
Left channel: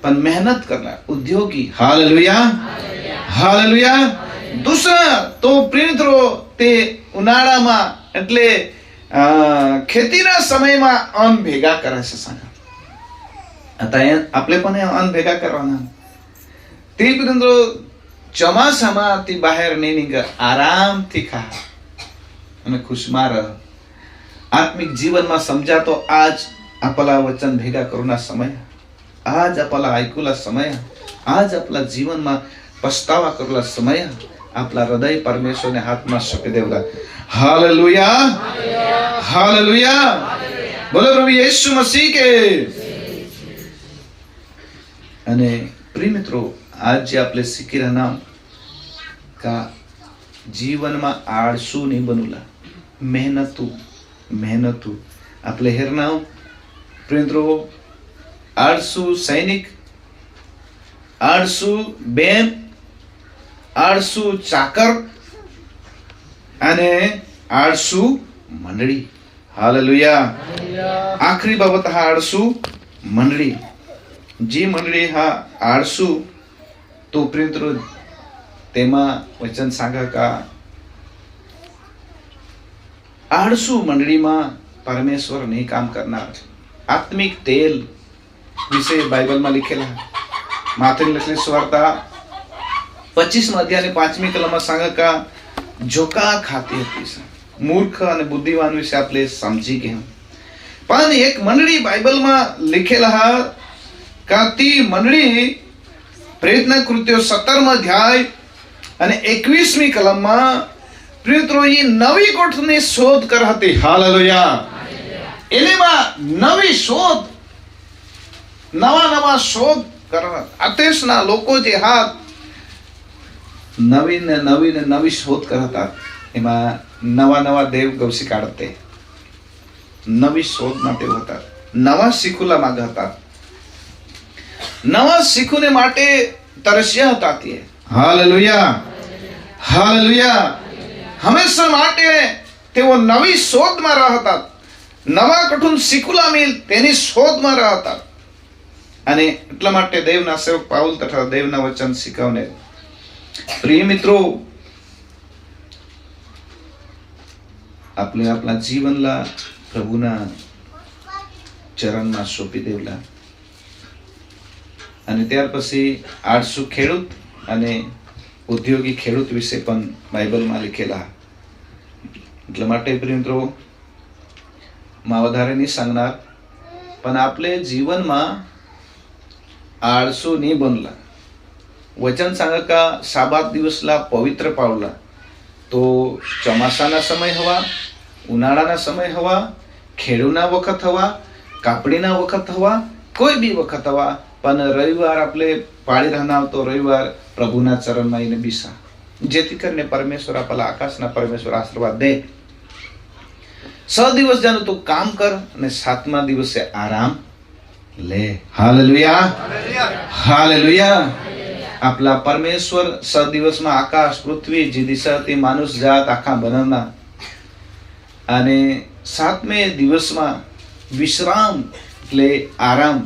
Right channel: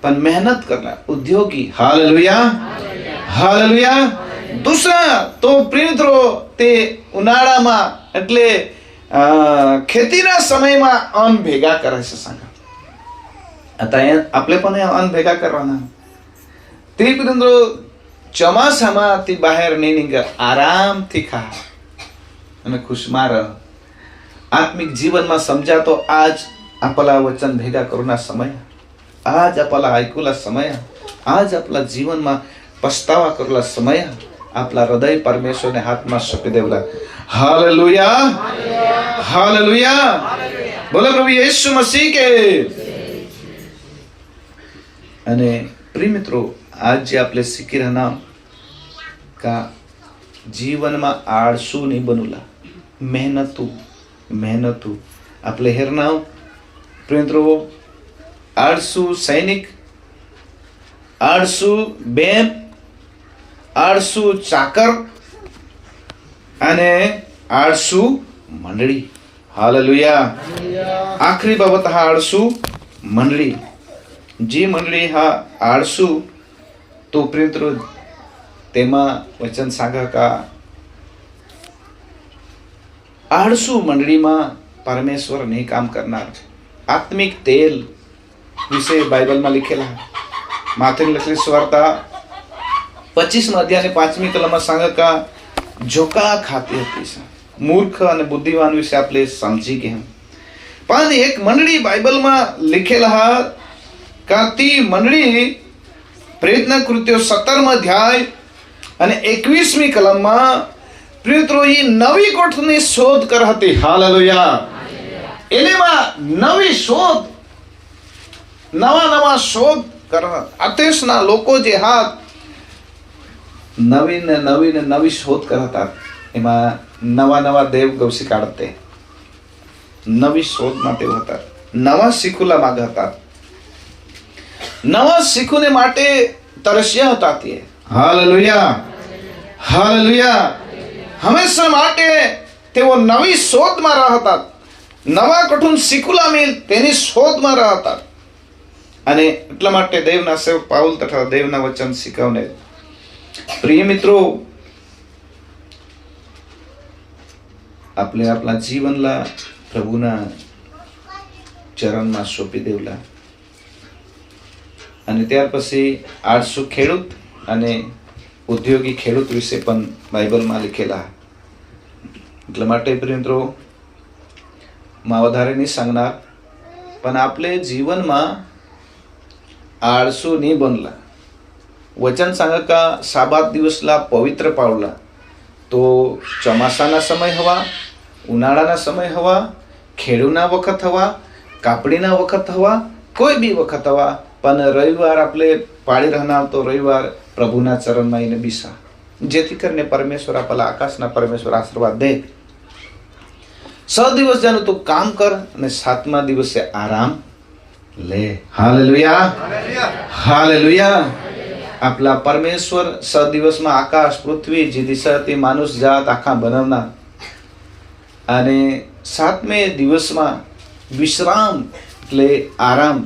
પણ મહેનત કરલા ઉદ્યોગી. Hallelujah, hallelujah. दूसरा तो પ્રિયત્રો તે ઉનાળામાં એટલે ખેતીના સમયમાં અન્ન ભેગા કરે છે. सांगा आता आपले पण अन्न भेगा करवाना. ते प्रियंद्रो ચોમાસામાં ती बाहेर नाही निघ, आरामથી खा અને ખુશમાં રહ. आत्मिक जीवનમાં समजा तो आज आपला वचन भेगा करूना समय, आज आपला ऐकूला समय, आज आपला जीवनमा पछतावा करूला समय, आपला हृदय परमेश्वरने हातમાં સોંપી દેવલા. Hallelujah, hallelujah. बोलो प्रभु यीशु मसीह के. અને પ્રિય મિત્રો, આજ જે આપણે શીખી રહ્યા કા જીવનમાં આળસુ નહીં બનુલા, મહેનતુ આપણે હેરનાવ. પ્રિય મિત્રો, આળસુ સૈનિક, આળસુ બેન, આળસુ ચાકર અને આળસુ મંડળી. હાલેલુયા. આખરી બાબત હા આળસુ મંડળી. जी मंडळी हा आळसू तो प्रियમિત્રો તેમાં વચન सांगा का आळसू મંડળીમાં પરમેશ્વર નહીં કામ કરનાર. આત્મિક તેલ વિશે બાઇબલમાં લખેલા માથેની લખેલી સુવાર્તા 25 અધ્યાયની 5મી કલમમાં सांगा का જોકા ખાતી હતી. મૂર્ખ અને બુદ્ધિવાન વિશે આપણે સમજી ગયા. પણ એક મંડળી બાઇબલમાં લખેલા का ती मंडळी प्रयत्न कृत्यो 17 अध्याय અને 21મી કલમમાં પ્રિયત્રો એ નવી કોઠની શોધ કર હતી. હાલેલુયા. એમાં નવી શોધ, નવા શોધ કર. આતેશના લોકો જે હાથ નવી શોધ કરતા, એમાં નવા દેવગવસી કાઢતે, નવી શોધમાં તેઓ હતા, નવા શીખુલા માંગતા, નવા શીખોને માટે તરસ્યા હતા તે. Hallelujah, hallelujah. હંમેશા માટે તેઓ નવી શોધમાં રહેતા, નવા કઠુન શીખુલા મિલ તેની શોધમાં રહેતા. અને એટલા માટે દેવના સેવક પાઉલ તથા દેવના વચન શીખવને. પ્રિય મિત્રો, આપણે આપણા જીવનલા પ્રભુના ચરણમાં સોંપી દેવલા. અને ત્યાર પછી 800 ખેડૂત અને ઉદ્યોગી ખેડૂત વિશે પણ બાઇબલમાં લીખેલા. એટલા માટે પ્રિય મિત્રો, માં વધારે નહીં सांगणार, પણ આપણે જીવનમાં આળસુ નહીં બનલા. વચન सांगा का साबात દિવસલા પવિત્ર પાવલા. તો ચોમાસાના સમય હવા, ઉનાળાના સમય હવા, ખેડૂના વખત હવા, કાપડીના વખત હવા, કોઈ બી વખત હવા, પણ રવિવાર આપણે પાળી રહેનાર તો રવિવાર પ્રભુના ચરણમાં એને બીસા, જેથી કરીને પરમેશ્વર આપણા આકાશના પરમેશ્વર આશીર્વાદ દે. 6 દિવસ જાનું તું કામ કર અને 7મા દિવસે આરામ લે. Hallelujah, hallelujah. આપલા પરમેશ્વર 6 દિવસમાં આકાશ, પૃથ્વી, જે દિશા હતી, માનુષ જાત આખા બનાવના, અને 7મે દિવસમાં વિશ્રામ એટલે આરામ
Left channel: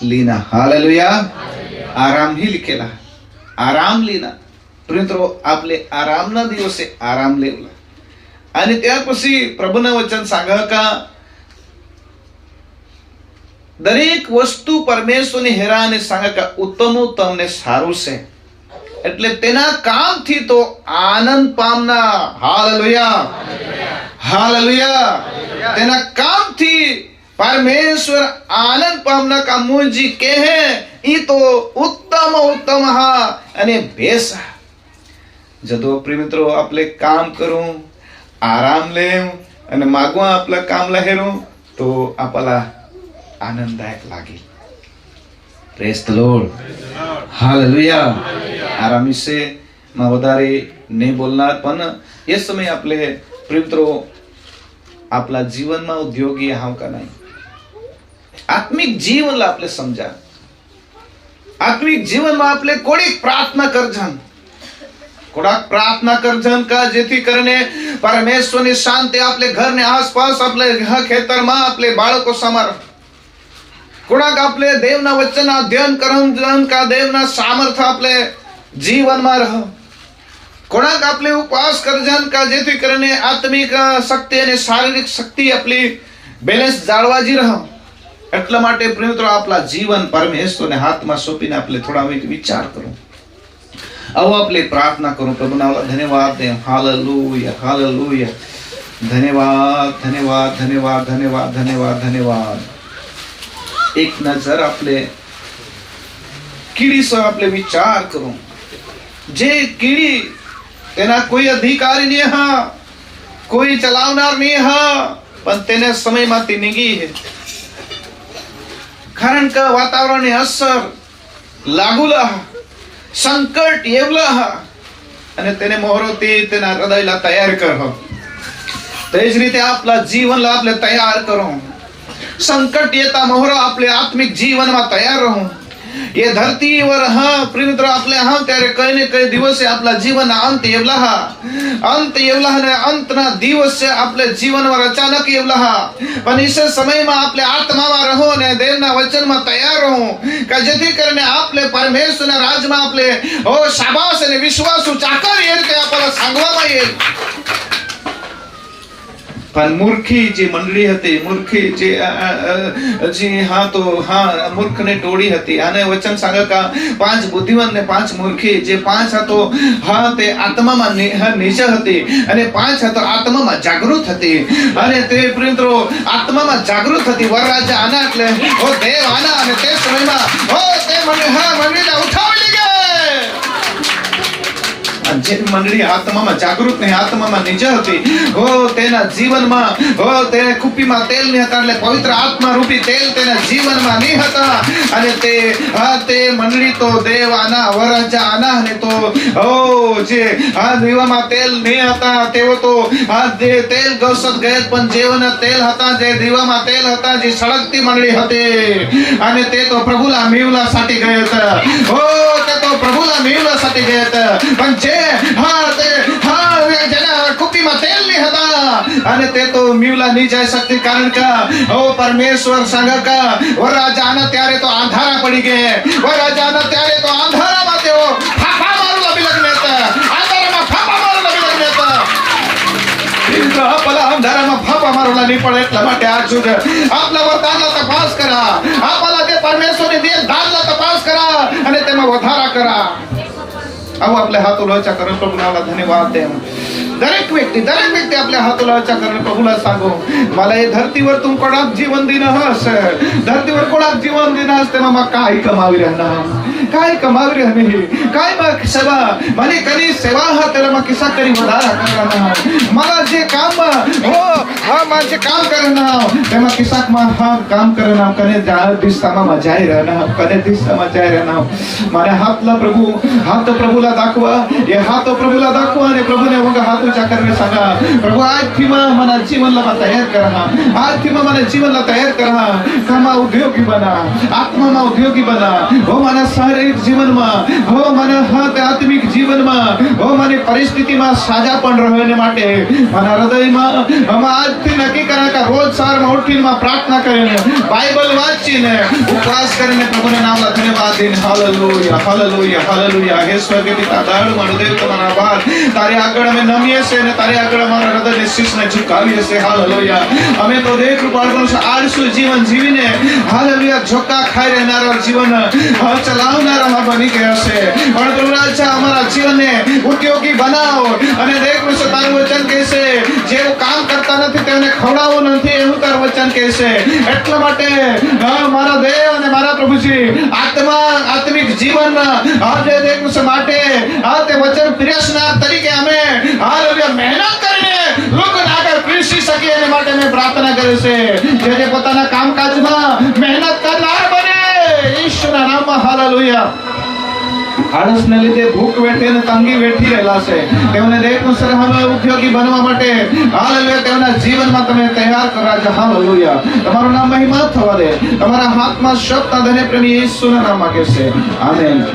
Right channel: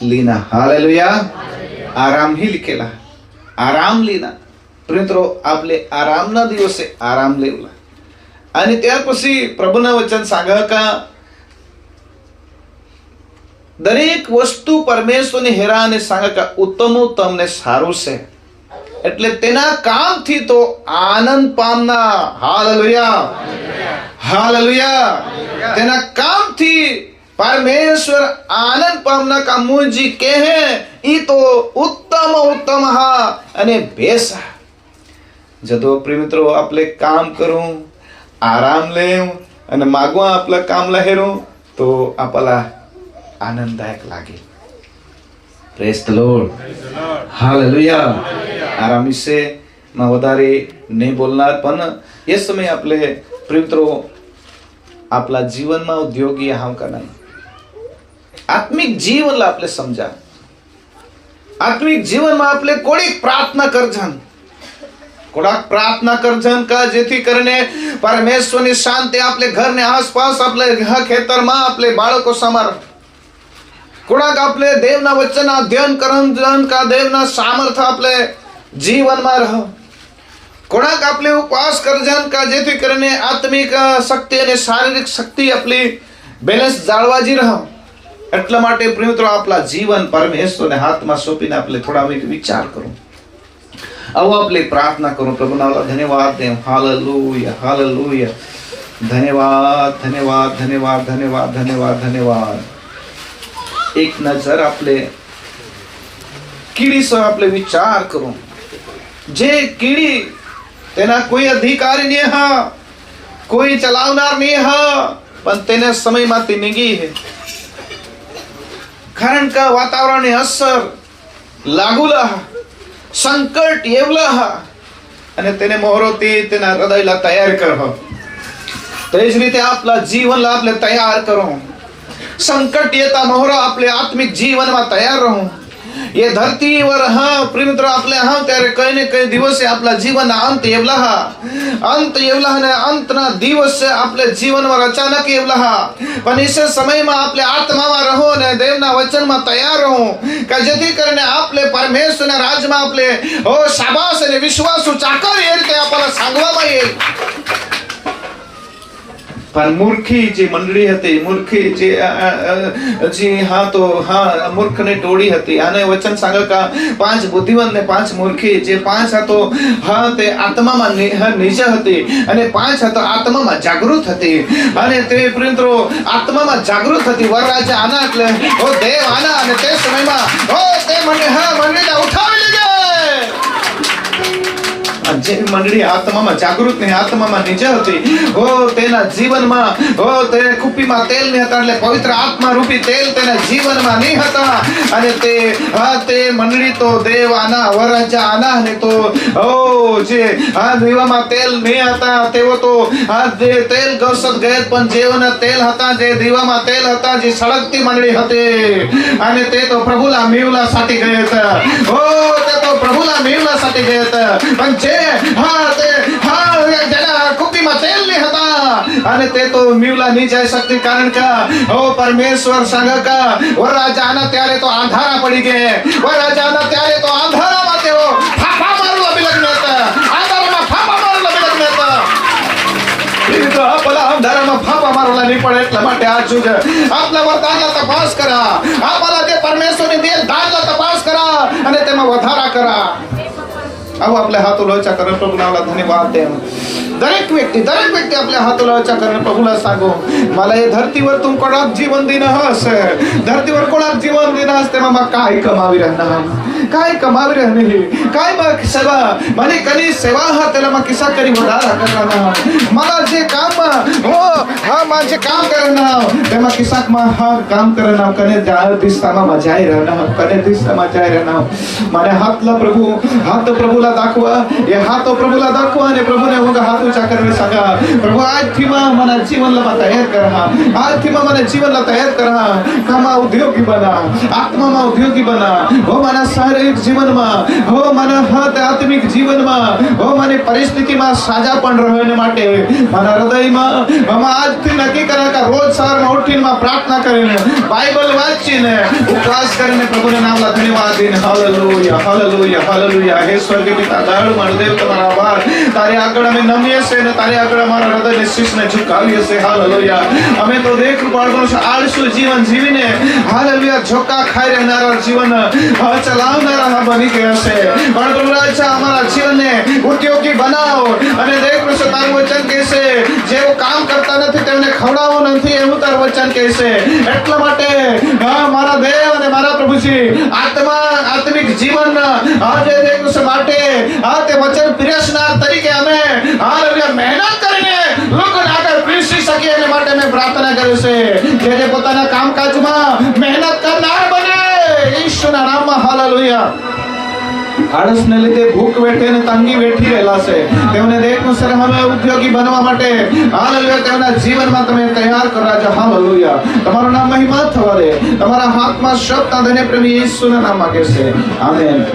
લીના. હાલેલુયા. આરામ ही लिखेला, આરામ લીના. મિત્રો, આપણે આરામના દિવસે આરામ લેવલા. અને ત્યાર પછી પ્રભુના વચન सांगा का દરેક વસ્તુ પરમેશ્વરની હેરાને सांगा का ઉત્તમ તમને સારું છે, એટલે તેના કામથી તો આનંદ પામના. Hallelujah, hallelujah. તેના કામથી परमेश्वर आनंद पामना का मुझी के है ई तो उत्तम उत्तम हा અને બેસ. જદો પ્રિય મિત્રો, આપણે કામ કરું, આરામ લેવું અને માગવા આપલા કામ લહેરું તો આપલા આનંદદાયક લાગે. Praise the lord, hallelujah. આરામ વિશે માં વધારે નહીં બોલનાર, પણ એ સમય આપણે પ્રિય મિત્રો આપલા જીવનમાં ઉદ્યોગી આમ का नाही. આત્મિક જીવનला આપણે સમજા. આત્મિક જીવનમાં આપણે કોડીક પ્રાર્થના કરજન, કોડાક પ્રાર્થના કરજન का જેથી કરીને પરમેશ્વરની શાંતિ આપણે ઘરને આસપાસ, આપણે ખેતરમાં, આપણે બાળકો સમાર, કોડાક આપણે દેવના વચનના અધ્યયન કરજન का દેવના સામર્થ્ય આપણે જીવનમાં રહો. કોડાક આપણે ઉપવાસ કરજન का જેથી કરીને આત્મિક શક્તિ અને શારીરિક શક્તિ આપણી બેલેન્સ જાળવાજી રહો. એટલા માટે પ્રિય મિત્રો, આપણા જીવન પરમેશ્વરને હાથમાં સોંપીને આપણે થોડા વિચાર કરો. આવો આપણે પ્રાર્થના કરો. પ્રભુના ધન્યવાદ દે. Hallelujah, hallelujah. ધન્યવાદ, ધન્યવાદ, ધન્યવાદ, ધન્યવાદ, ધન્યવાદ, ધન્યવાદ. એક નજર આપણે કીડી સે આપણે વિચાર કરો. જે કીડી, તેના કોઈ અધિકારી નહીં હા, કોઈ ચલાવનાર નહીં હા, પણ તેના સમયમાંથી નીકળી છે. કારણ કે વાતાવરણની અસર લાગુલા, સંકટ એવલા, અને તેને મોહરોથી તેના હૃદયલા તૈયાર કરો. તે જ રીતે આપણા જીવનલા આપણે તૈયાર કરો. સંકટ येता મોહરો આપણે આત્મિક જીવનમાં તૈયાર રહો. ये धरती वर हा प्रिय मित्र आपले हा ત્યારે કઈ ને કઈ દિવસે આપલા જીવનના અંત એવલા ને અંતના દિવસે આપણે જીવનમાં અચાનક એવલા પણ એ સમયમાં આપણે આત્મામાં રહો અને દેવના વચનમાં તૈયાર રહો કે જેથી કરીને આપણે પરમેશ્વરના રાજમાં આપણે ઓ શાબાશ અને વિશ્વાસુ ચાકર એ રીતે આપણને સાંગવામાં આવે. પણ મૂર્ખી જે મંડળી હતી, મૂર્ખી જે હા તો હા મૂર્ખને ટોળી હતી. આને વચન सांगा का 5 બુદ્ધિવાન ને 5 મૂર્ખી. જે 5 હતો હા તે આત્મામાં નિજ હતી અને 5 હતો આત્મામાં જાગૃત હતી. અને તે મિત્રો આત્મામાં જાગૃત હતી. વરરાજા આના એટલે ઓ દેવ આના અને તે સમયમાં ઓ તે મંડળીને ઉઠાવી લીધે. જે મંડળી આત્મામાં જાગૃત નહીં, આત્મામાં નિજ હતી, ઓ તેના જીવનમાં ઓ તેને કુપીમાં તેલ નહીં હતા, એટલે પવિત્ર આત્મા રૂપી તેલ તેના જીવનમાં નહીં હતા. અને તે મંડળી તો દેવ આના, વરરાજા આના, અને તો ઓ જે આ દીવામાં તેલ નહીં હતા તેઓ તો આ જે તેલ ગૌસત ગયત, પણ જેઓના તેલ હતા, જે દીવામાં તેલ હતા, જે સળગતી મંડળી હતી. અને તે તો પ્રભુલા મેવલા સાટી ગયા હતા. ઓ તે તો પ્રભુલા મેવલા સાટી ગયા હતા. પણ જે જેના કુપીમાં તેલ નહીં હતા અને તે તો મીવલા નહીં જઈ શકતી. કારણ કે ઓ પરમેશ્વર सांगा का વરરાજા આના ત્યારે તો અંધારા પડી ગયા. વરરાજા આના ત્યારે તો અંધારામાં તેઓ ફાફા મારવા બિલગને હતા. અંધારામાં ફાફા મારવા બિલગને હતા. આપણા અંધારામાં ફાફા અમારો નહીં પડે એટલા માટે આજ સુધી આપના વર્તાનના તપાસ કરા, આપના તે પરમેશ્વરની દેહ દાનના તપાસ કરા અને તેમાં વધારા કરા. આવો આપણે હાથો લોચા કરો, પ્રભુના ધન્યવાદ દે. દરેક व्यक्ती आपल्या हाथोला वाचा करणे प्रभूला सांगो, मला हे धरतीवर तू कोणाक जीवन दिन हस, धरतीवर कोणाक जीवन दिन हस, तेव्हा मग काय कमावी राहणार, काय कमावी राहणे, काय मग सेवा મને કની સેવા હા તેલા માં કિસ્સા કરી વધારા કરવાના, मला જે કામ हो હા માં જે કામ કરવાના તેમાં કિસ્સાક માં હા કામ કરવાના, કને ત્યાં દિશામાં મજાઈ રહેના, કને દિશામાં મજાઈ રહેના. મને હાથલા પ્રભુ, હાથ પ્રભુला दाखवा, हे हाथ प्रभुला दाखवा आणि प्रभूने मग हात उंचा करणे सांगा. प्रभू આજથી માં મને જીવનला તૈયાર करा, આજથી માં મને જીવનला तैयार करा, कामा उद्योगी बना, आत्माમાં उद्योगी बना, हो મને શારીરિક જીવનમાં, हो મને હાથ આત્મિક જીવનમાં, हो મને પરિસ્થિતિમાં સાજાપણ રહેવા માટે મારા હૃદયમાં અમે આજથી નક્કી કર્યા કે રોજ સવારમાં ઉઠીને પ્રાર્થના કરીને બાઇબલ વાંચીને ઉપવાસ કરીને પ્રભુના નામના ધન્યવાદ દઈને હાલેલુયા હાલેલુયા હાલેલુયા. હે સ્વર્ગીય પિતા દયાળુ મારો દેવ તમારા આભાર, તારી આગળ અમે નમીએ છે અને તારી આગળ અમારા હૃદયને શીશને ઝુકાવીએ છે. હાલેલુયા. અમે તો દેવ કૃપાળુનું છે આળસુ જીવન જીવીને હાલેલુયા ઝોકા ખાઈ રહેનારા જીવન ચલાવનારા બની ગયા છે, પણ પ્રભુ રાજા અમારા જીવનને ઉદ્યોગી બનાવો અને દેવ કૃષ્ણ તારું વચન કહેશે જેઓ કામ કરતા નથી તેમને ખવડાવવું નથી એવું તારું વચન કહેશે. એટલા માટે મારા દેવ અને મારા પ્રભુજી આત્મિક જીવન આજે દેવ કૃષ્ણ માટે આ તે વચન પ્રિયસના તરીકે અમે હાલેલુયા મહેનત કરીને લોકોને આગળ પીરસી શકીએ એના માટે મેં પ્રાર્થના કરી છે. જે પોતાના કામકાજમાં મહેનત કરનાર બને ઈશ્વરના નામમાં હાલેલુયા. આળસને લીધે ભૂખ વેઠે ને તંગી વેઠી રહેલા છે તેમને દેખનું સર હવે ઉદ્યોગી બનવા માટે હાલેલુયા તેમના જીવનમાં તમે તૈયાર કરો રાજા. હાલેલુયા. તમારું નામ મહિમા થવા દે, તમારા હાથમાં શબ્દ ધન્ય પ્રેમી ઈસુના નામ માગે છે. આમેન.